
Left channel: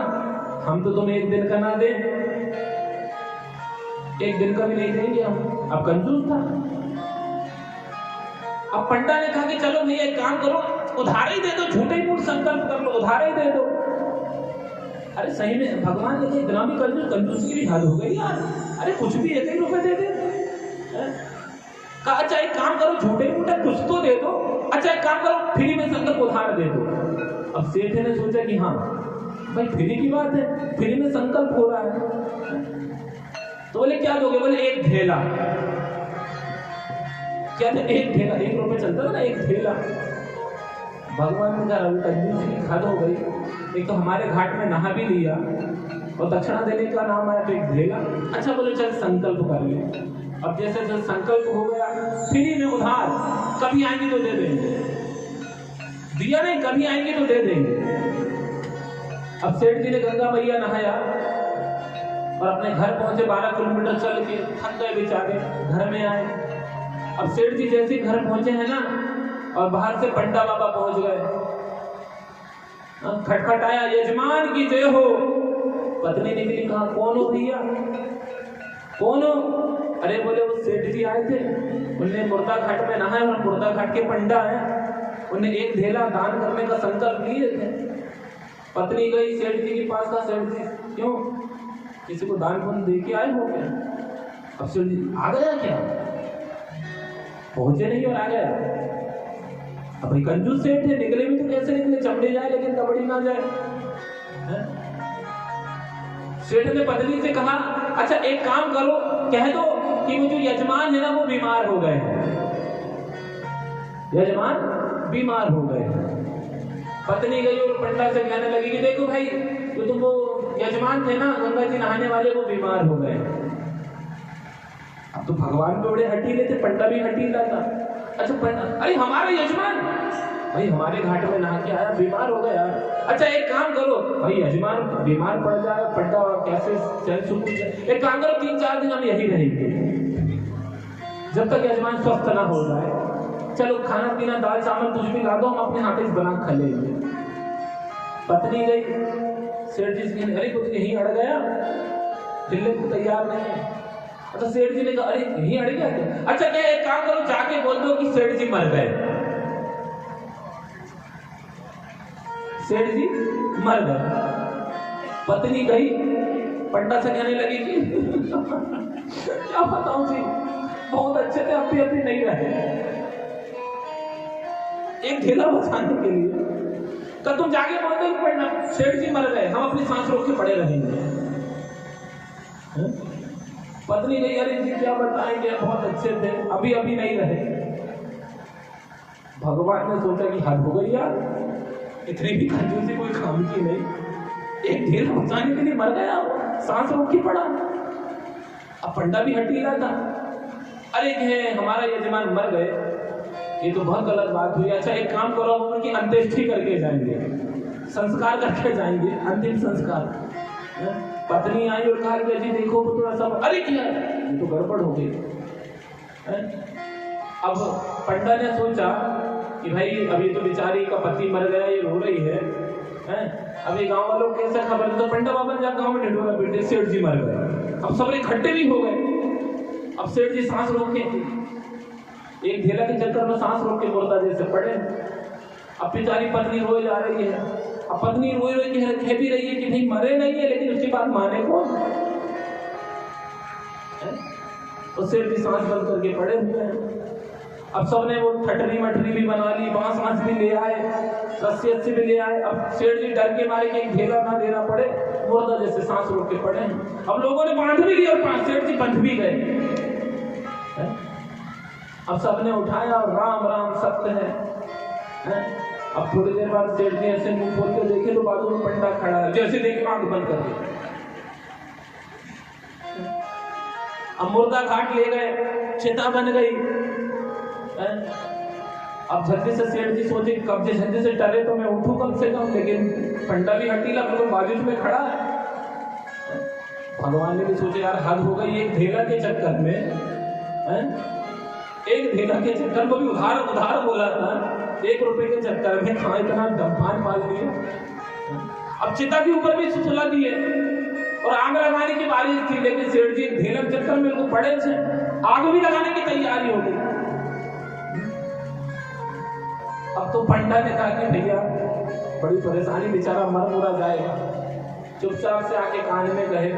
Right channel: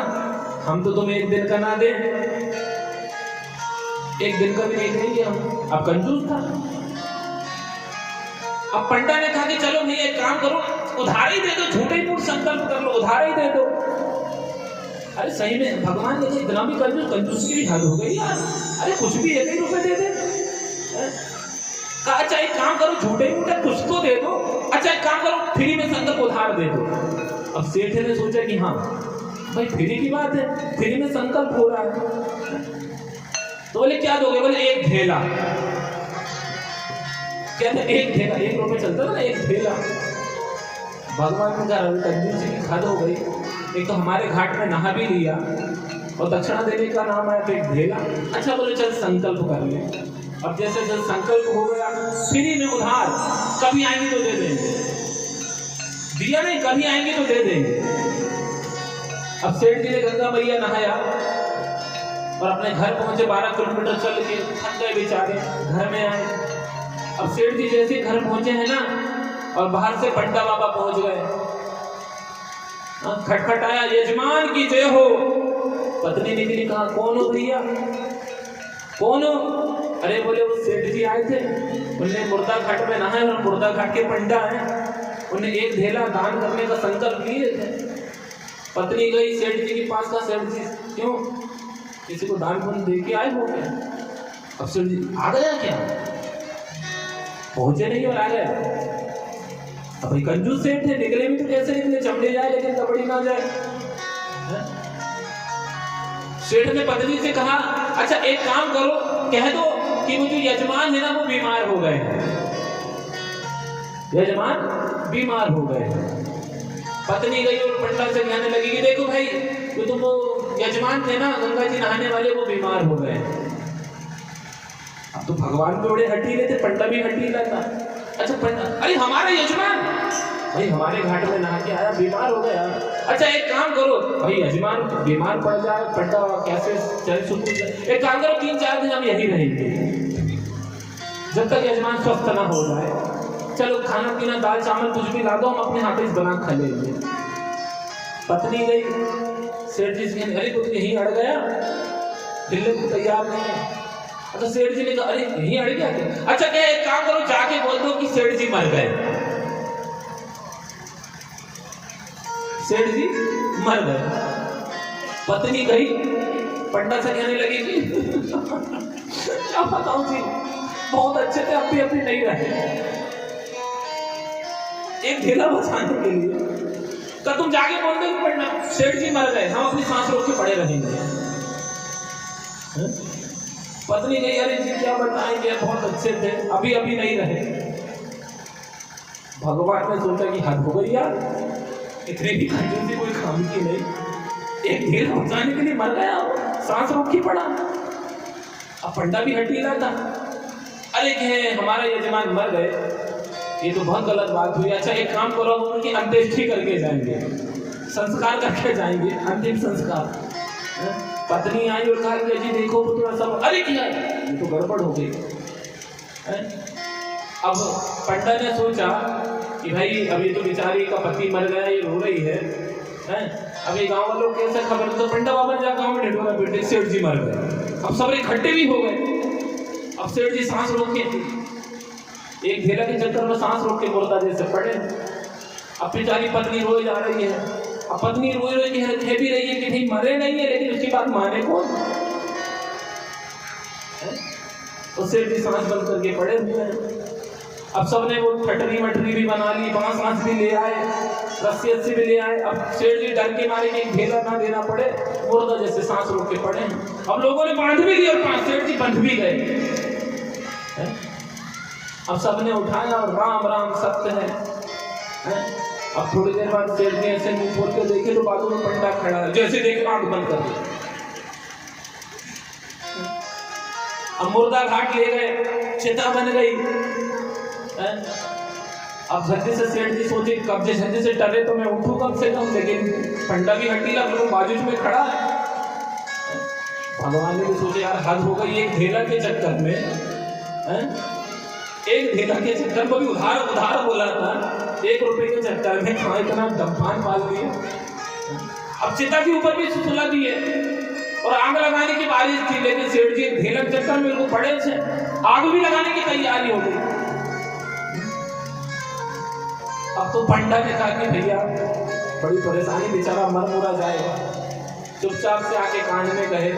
हम तो तुम्हें 1 दिन का ना दे, 1 दिन का भी नहीं देंगे हम। अब कंजूस था। अब पंडा ने कहा कि चलो नहीं एक काम करो, उधार ही दे दो, झूठे ही मूठ संकल्प कर लो, उधार ही दे दो। अरे सही में भगवान ने इतना भी कंजूसी की हद हो गई यार। अरे कुछ भी 1 ही रुपए दे दे। कहा अच्छा एक काम करो, झूठे ही मूठे कुछ तो दे दो, अच्छा एक काम करो फ्री में संकल्प उधार दे दो। अब सेठ ने सोचा कि हाँ भाई फ्री की बात है, फ्री में संकल्प हो रहा है। तो बोले क्या दोगे? बोले 1 ढेला। कहते 1 ढेला, 1 रुपए चलता ना 1 ढेला। भगवान ने कहा कंजूसी की हद हो गई, एक तो हमारे घाट में नहा भी लिया और दक्षिणा देने का नाम आया तो 1 ढेला। अच्छा बोले चल संकल्प कर ले। अब जैसे संकल्प हो गया, फ्री में उधार, कभी आएंगे तो दे देंगे, दिया नहीं कभी आएंगे तो दे देंगे। अब सेठ जी ने गंगा मैया नहाया और अपने घर पहुंचे, 12 किलोमीटर चल के थक गए बेचारे, घर में आए। अब सेठ जी जैसे घर पहुंचे हैं ना, और बाहर से पंडा बाबा पहुंच गए, खटखटाया यजमान की जय हो। पत्नी निकली, कहा कौन हो भैया, कौन हो? अरे बोले वो सेठ जी आए थे, उन्हें मुर्दा घाट में नहाए और मुर्दा घाट के पंडा हैं, उन्हें 1 ढेला दान करने का संकल्प लिए थे। पत्नी गई सेठ जी के पास, का सेठ जी क्यों किसी को दान पुण्य दे के आए हो क्या? अब सेठ जी आ गया क्या? पहुंचे नहीं और आ गया। अब भाई कंजूस सेठ थे, निकले भी तो कैसे निकले, चमड़े जाए लेकिन कबड्डी ना जाए। सेठ ने पत्नी से कहा अच्छा एक काम करो, कह दो कि वो जो यजमान है ना वो बीमार हो गए हैं, यजमान बीमार हो गए हैं। पत्नी गई और पंडा से कहने लगी कि देखो भाई वो तो वो यजमान थे ना गंगा जी नहाने वाले, वो बीमार हो गए। अब तो भगवान भी बड़े हटीले थे, पंडा भी हटीला था। अच्छा पंडा, अरे हमारे यजमान भाई हमारे घाट में नहा के आया, बीमार हो गया। अच्छा एक काम करो, भाई यजमान बीमार पड़ जाए, पंडा कैसे चल सुकून से, एक काम करो 3-4 दिन हम यही रहेंगे जब तक यजमान स्वस्थ ना हो जाए। चलो खाना पीना दाल चावल कुछ भी ला दो, हम अपने हाथ से बना खा लेंगे। पत्नी गई सेठ जी से, अरे कुछ यहीं अड़ गया, हिलने को तैयार नहीं है। अच्छा सेठ जी ने कहा अरे यहीं अड़ गया क्या? अच्छा क्या एक काम करो, जाके बोल दो कि सेठ जी मर गए, सेठ जी मर गए। पत्नी गई पंडा से कहने लगी कि क्या बताऊं जी, बहुत अच्छे थे, अब भी नहीं रहे, 1 ढेला बचाने के लिए। तो तुम जाके बोल दो कि पंडा सेठ जी मर गए, हम अपनी सांस रोक के पड़े रहेंगे। पत्नी गई, अरे जी क्या बताएंगे, बहुत अच्छे थे, अभी नहीं रहे। भगवान ने सोचा कि हद हो गई यार, इतने भी कंजूसी कोई काम की नहीं, 1 ढेला बचाने के लिए मर गया, सांस रोक के पड़ा। अब पंडा भी हटीला था, अरे कहे हमारा यजमान मर गए, ये तो बहुत गलत बात हुई। अच्छा एक काम करो, हम उनकी अंत्येष्टि करके जाएंगे, संस्कार करके जाएंगे, अंतिम संस्कार। पत्नी आई और कहा कि जी देखो वो थोड़ा सा, अरे क्या ये तो गड़बड़ हो गई। अब पंडा ने सोचा कि भाई अभी तो बेचारी का पति मर गया, ये रो रही है, हैं। अभी गांव वालों को कैसे खबर तो पंडा बाबा ने गांव में ढिढोरा पीटे, सेठ जी मर गए। अब सब इकट्ठे भी हो गए। अब सेठ जी सांस रोके, एक ढेला के चक्कर में सांस रोक के मुर्दा जैसे पड़े। अब बेचारी पत्नी रोई जा रही है। अब पत्नी रोई रोई कह भी रही है कि भाई मरे नहीं है, लेकिन उसकी बात माने कौन। तो सेठ जी सांस बंद करके पड़े हुए हैं। अब सबने वो खटरी मटरी भी बना ली, बांस वांस भी ले आए, रस्सी अस्सी भी ले आए। अब सेठ जी डर के मारे कि ढेला ना देना पड़े, मुर्दा जैसे सांस रोक के पड़े हैं। अब लोगों ने बांध भी दिया और सेठ जी बंध भी गए। अब सबने उठाया और राम राम सत्य है। अब थोड़ी देर बाद सेठ जी ऐसे मुंह खोल के देखे तो बाजू में पंडा खड़ा है, जैसे देख आंख बंद कर दी। अब मुर्दा घाट ले गए, चिता बन गई। अब झंडे से सेठ जी सोचे कब जे झंडे से डरे तो मैं उठूं कम से कम, लेकिन पंडा भी हड्डी लग बाजू में खड़ा। भगवान ने भी सोचे यार हद हो गई, एक ढेला के चक्कर में, एक ढेला के चक्कर में भी उधार उधार बोला था, 1 रुपए के चक्कर में कहाँ इतना दम्फान पाल दिए। अब चिता के ऊपर भी सुला दिए और आग लगाने की बारिश थी, लेकिन सेठ जी ढेला के चक्कर में उनको पड़े थे, आग भी लगाने की तैयारी हो गई। अब तो पंडा ने कहा कि भैया बड़ी परेशानी, बेचारा मर मुरा जाएगा। चुपचाप से आके कान में कहे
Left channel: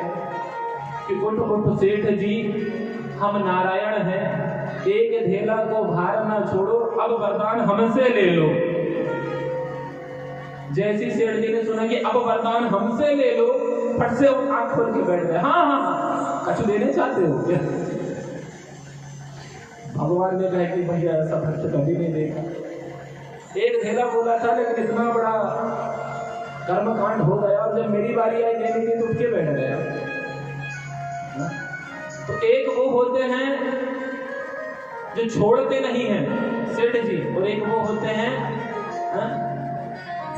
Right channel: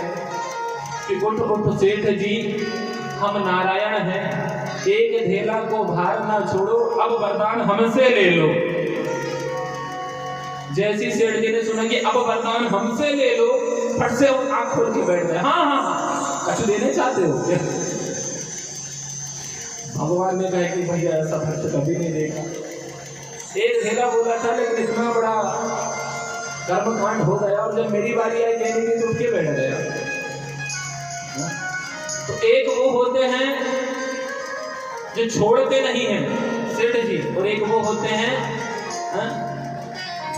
कि उठ उठ सेठ जी, हम नारायण हैं, एक ढेला को भार ना छोड़ो, अब वरदान हमसे ले लो। जैसी सेठ जी ने सुना कि अब वरदान हमसे ले लो, फट से आंख खोल के बैठ गए। हाँ हाँ हाँ, कुछ लेने चाहते हो? भगवान ने कहा कि भैया ऐसा भक्त कभी नहीं देखा। एक ढेला बोला था, लेकिन इतना बड़ा कर्मकांड हो गया, और जब मेरी बारी आई देने की तो उठ के बैठ गया। तो एक वो होते हैं जो छोड़ते नहीं हैं सेठ जी, और एक वो होते हैं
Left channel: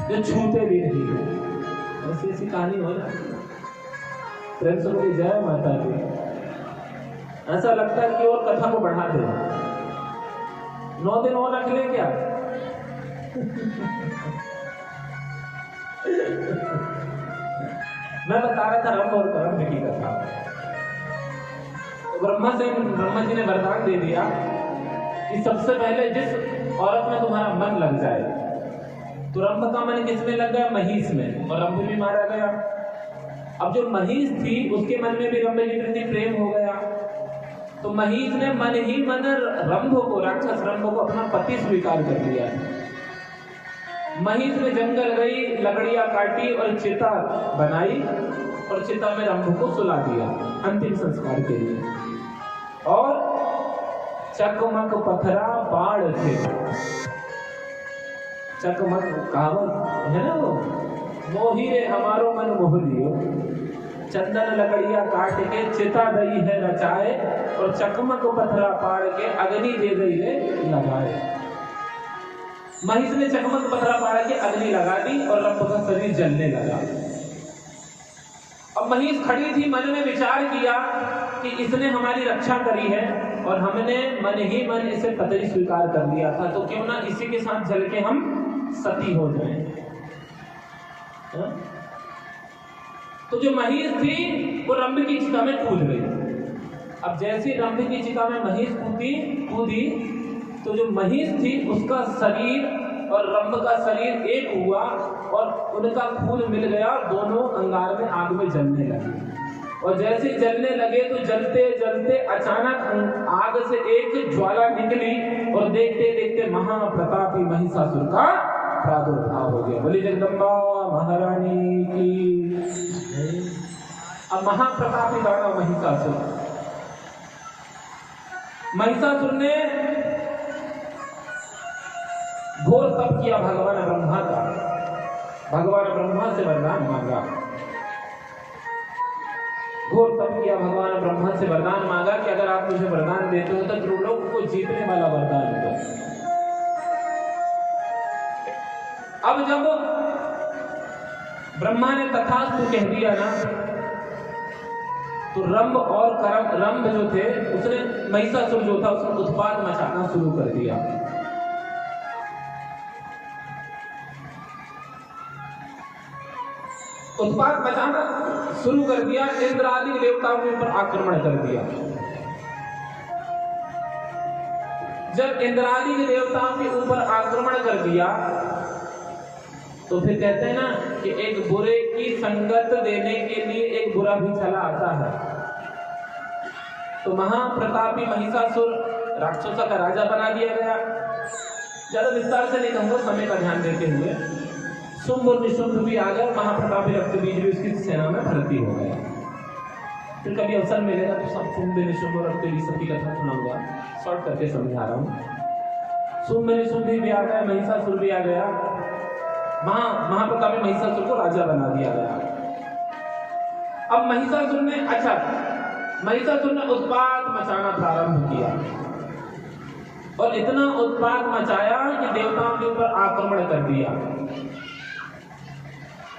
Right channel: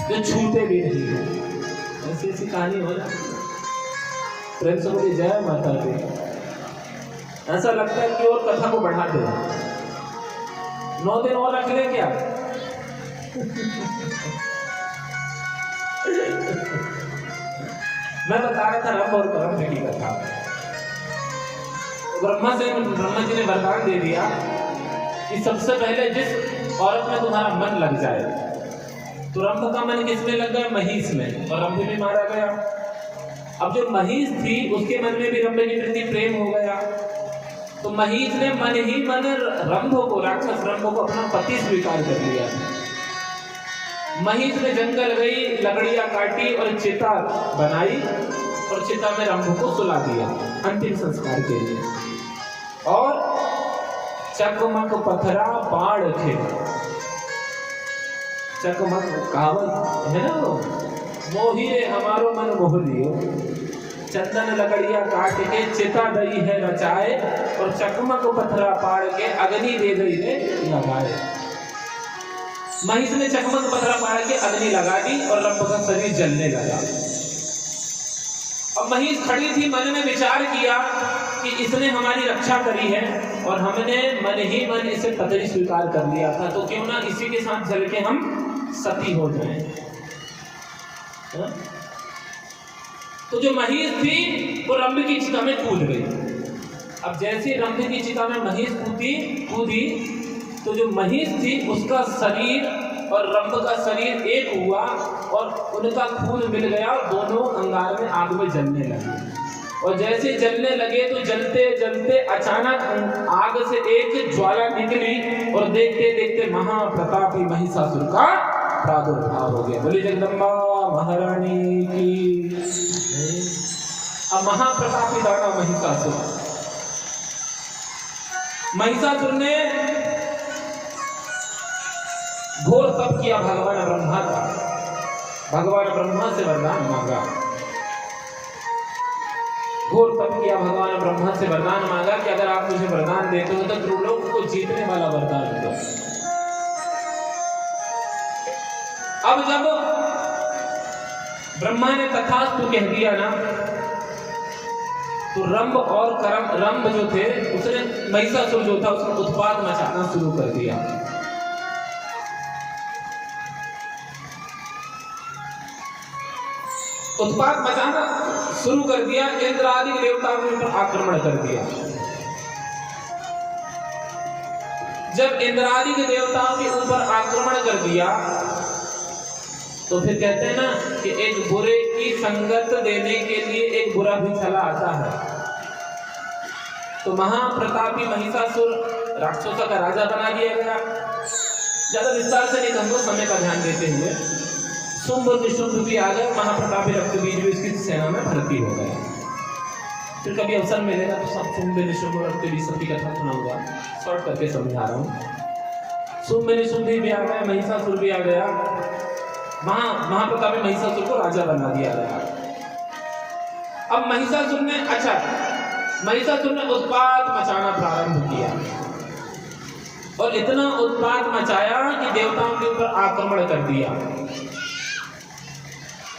जो छूते भी नहीं है। ऐसी ऐसी कहानी हो जाती है। प्रेम से बोली जय माता दी। ऐसा लगता है कि और कथा को बढ़ा दे, 9 दिन और रख ले क्या? मैं बता रहा था रंभ और कर्म की कथा। ब्रह्मा जी ने वरदान दे दिया कि सबसे पहले जिस औरत में तुम्हारा मन लग जाए, तो रंभ का मन किसमें लग गया? महिष में, और रंभ भी मारा गया। अब जो महिष थी उसके मन में भी रंभ के प्रति प्रेम हो गया, तो महिष ने मन ही मन रंभ को, राक्षस रंभ को अपना पति स्वीकार कर लिया। महिष ने जंगल गई, लकड़ियां काटी और चिता बनाई, और चिता में रंभ को सुला दिया अंतिम संस्कार के लिए। और चकमक पथरा बाढ़ खेता, चकमक कहावत है ना, वो मोहिए हमारो मन मोह लियो, चंदन लकड़ियां काट के चिता दई है रचाए, और चकमक पथरा पाड़ के अग्नि दे गई है लगाए। महिष ने चकमक पथरा पाड़ के अग्नि लगा दी और रंभ का शरीर जलने लगा। अब महिष खड़ी थी, मन में विचार किया कि इसने हमारी रक्षा करी है और हमने मन ही मन इसे पति स्वीकार कर लिया था, तो क्यों ना इसी के साथ जल के हम सती हो जाएं। तो जो महिष थी वो रंभ की चिता में कूद गई। अब जैसे रंभ की चिता में महिष कूदी, तो जो महिष थी उसका शरीर और रंभ का शरीर एक हुआ और उनका खून मिल गया, दोनों अंगार में आग में जलने लगे। और जैसे जलने लगे तो जलते जलते अचानक आग से एक ज्वाला निकली और देखते देखते महाप्रतापी महिषासुर का प्रादुर्भाव हो गया। बोली जगदम्बा महारानी की। अब महाप्रतापी दाता महिषासुर ने घोर तप किया भगवान ब्रह्मा का, भगवान ब्रह्मा से वरदान मांगा, घोर तप किया भगवान ब्रह्मा से वरदान मांगा कि अगर आप मुझे वरदान देते हो तो त्रिलोक को जीतने वाला वरदान दो। अब जब ब्रह्मा ने तथास्तु कह दिया ना, तो रंभ जो थे उसने, महिषासुर जो था उसने उत्पात मचाना शुरू कर दिया। उत्पात मचाना शुरू कर दिया, इंद्र आदि देवताओं के ऊपर आक्रमण कर दिया। जब इंद्र आदि के देवताओं के ऊपर आक्रमण कर दिया तो फिर कहते हैं ना कि एक बुरे की संगत देने के लिए एक बुरा भी चला आता है। तो महाप्रतापी महिषासुर राक्षसों का राजा बना दिया गया। ज्यादा विस्तार से नहीं कहूंगा, समय का ध्यान देते हुए। शुंभ और निशुंभ भी आ गए, महाप्रतापी रक्तबीज भी इसकी सेना में भर्ती हो गए। फिर कभी अवसर मिलेगा तो सब शुंभ निशुंभ और रक्तबीज सबकी कथा सुनाऊंगा, शॉर्ट करके समझा रहा हूँ। शुंभ निशुंभ भी आ गया, महिषासुर भी आ गया। महाप्रतापी महिषासुर को राजा बना दिया गया। अब महिषासुर ने उत्पात मचाना प्रारंभ किया और इतना उत्पात मचाया कि देवताओं के ऊपर आक्रमण कर दिया।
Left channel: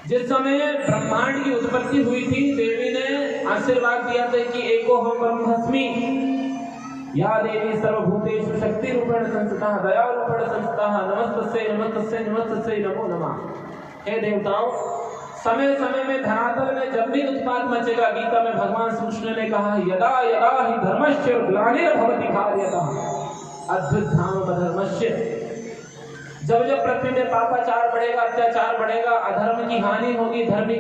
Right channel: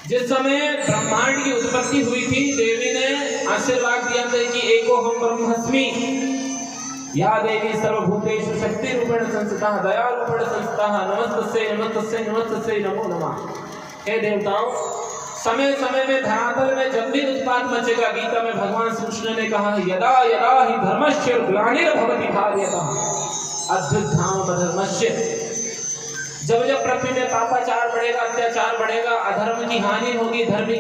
जिस समय ब्रह्मांड की उत्पत्ति हुई थी, देवी ने आशीर्वाद दिया था कि एको हम ब्रह्मस्मि, या देवी सर्वभूतेषु शक्ति रूपेण संस्थिता दया रूपेण संस्थिता नमस्तस्यै नमस्तस्यै नमस्तस्यै नमो नमः। हे देवताओं, समय समय में धरातल में जब भी उत्पात मचेगा, गीता में भगवान श्री कृष्ण ने कहा है यदा यदा हि धर्मस्य ग्लानिर्भवति भारयतः अभ्युत्थानम् अधर्मस्य। जब जब पृथ्वी में पापाचार बढ़ेगा, अत्याचार बढ़ेगा, अधर्म की हानि होगी, धर्म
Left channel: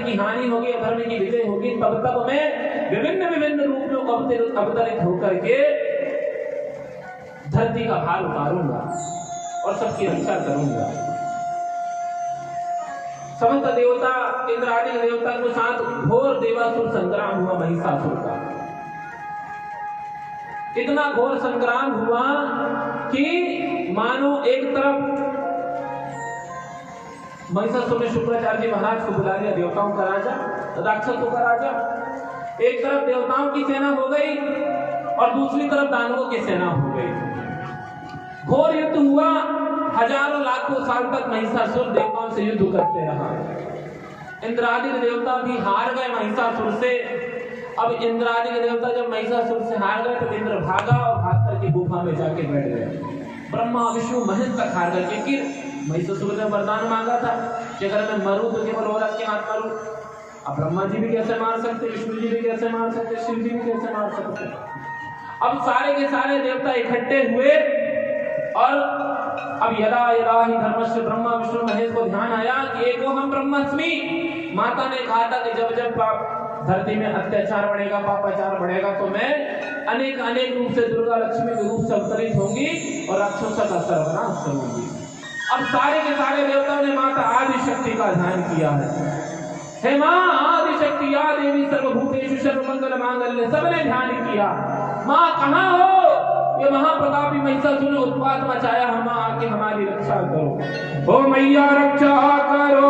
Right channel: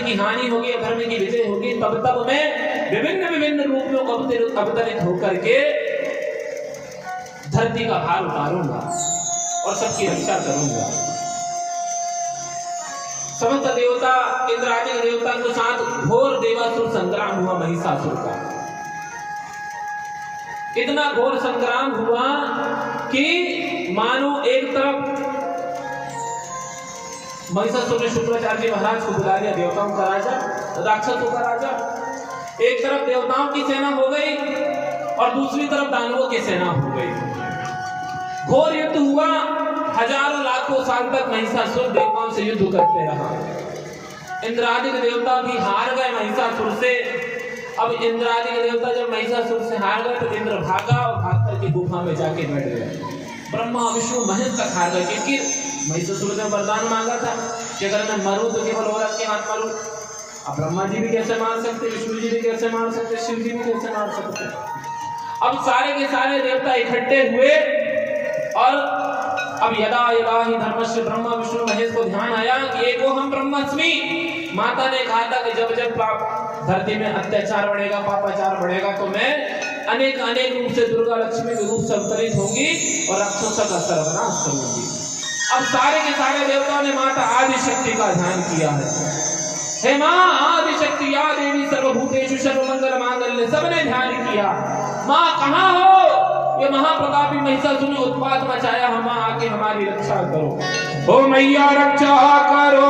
की हानि होगी, धर्म की विजय होगी, तब तब मैं विभिन्न विभिन्न रूप में अवतरित होकर के धरती का भार उतारूंगा और सबकी रक्षा करूंगा। समस्त देवता इंद्र आदि देवता के साथ घोर देवासुर संग्राम हुआ महिषासुर का। इतना घोर संग्राम हुआ कि मानो एक तरफ महिषासुर ने शुक्राचार्य जी महाराज को बुला लिया, देवताओं का राजा, राक्षसों का राजा। एक तरफ देवताओं की सेना हो गई और दूसरी तरफ दानवों की सेना हो गई। घोर युद्ध हुआ, हजारों लाखों साल तक महिषासुर देवताओं से युद्ध करते रहा। इंद्रादि के देवता भी हार गए महिषासुर से। अब इंद्रादि के देवता जब महिषासुर से हार गए तो इंद्र भागा और भाग करके गुफा में जाके बैठ गए। ब्रह्मा विष्णु महेश तक हार गए, क्योंकि महिषासुर ने वरदान मांगा था कि अगर मैं मरूं तो केवल औरत के हाथ मरूं। अब ब्रह्मा जी भी कैसे मार सकते, विष्णु जी भी कैसे मार सकते, शिव जी भी कैसे मार सकते। अब सारे के सारे देवता इकट्ठे हुए और अब यदा यदा ही धर्मस्य ब्रह्मा विष्णु महेश को ध्यान आया कि एको हम ब्रह्मस्मि। माता ने कहा था कि जब जब धरती में अत्याचार बढ़ेगा, पापाचार बढ़ेगा, तो मैं अनेक अनेक रूप से दुर्गा लक्ष्मी के रूप से अवतरित होंगी और राक्षसों का सर्वनाश करूंगी। अब सारे के सारे देवताओं ने माता आदिशक्ति का ध्यान किया है। हे माँ आदिशक्ति, या देवी सर्वभूतेषु सर्वमंगल मांगल्ये, सबने ध्यान किया। माँ कहाँ हो? ये महाप्रतापी महिषासुर ने उत्पात मचाया, हम आके हमारी रक्षा करो। ओ मैया रक्षा करो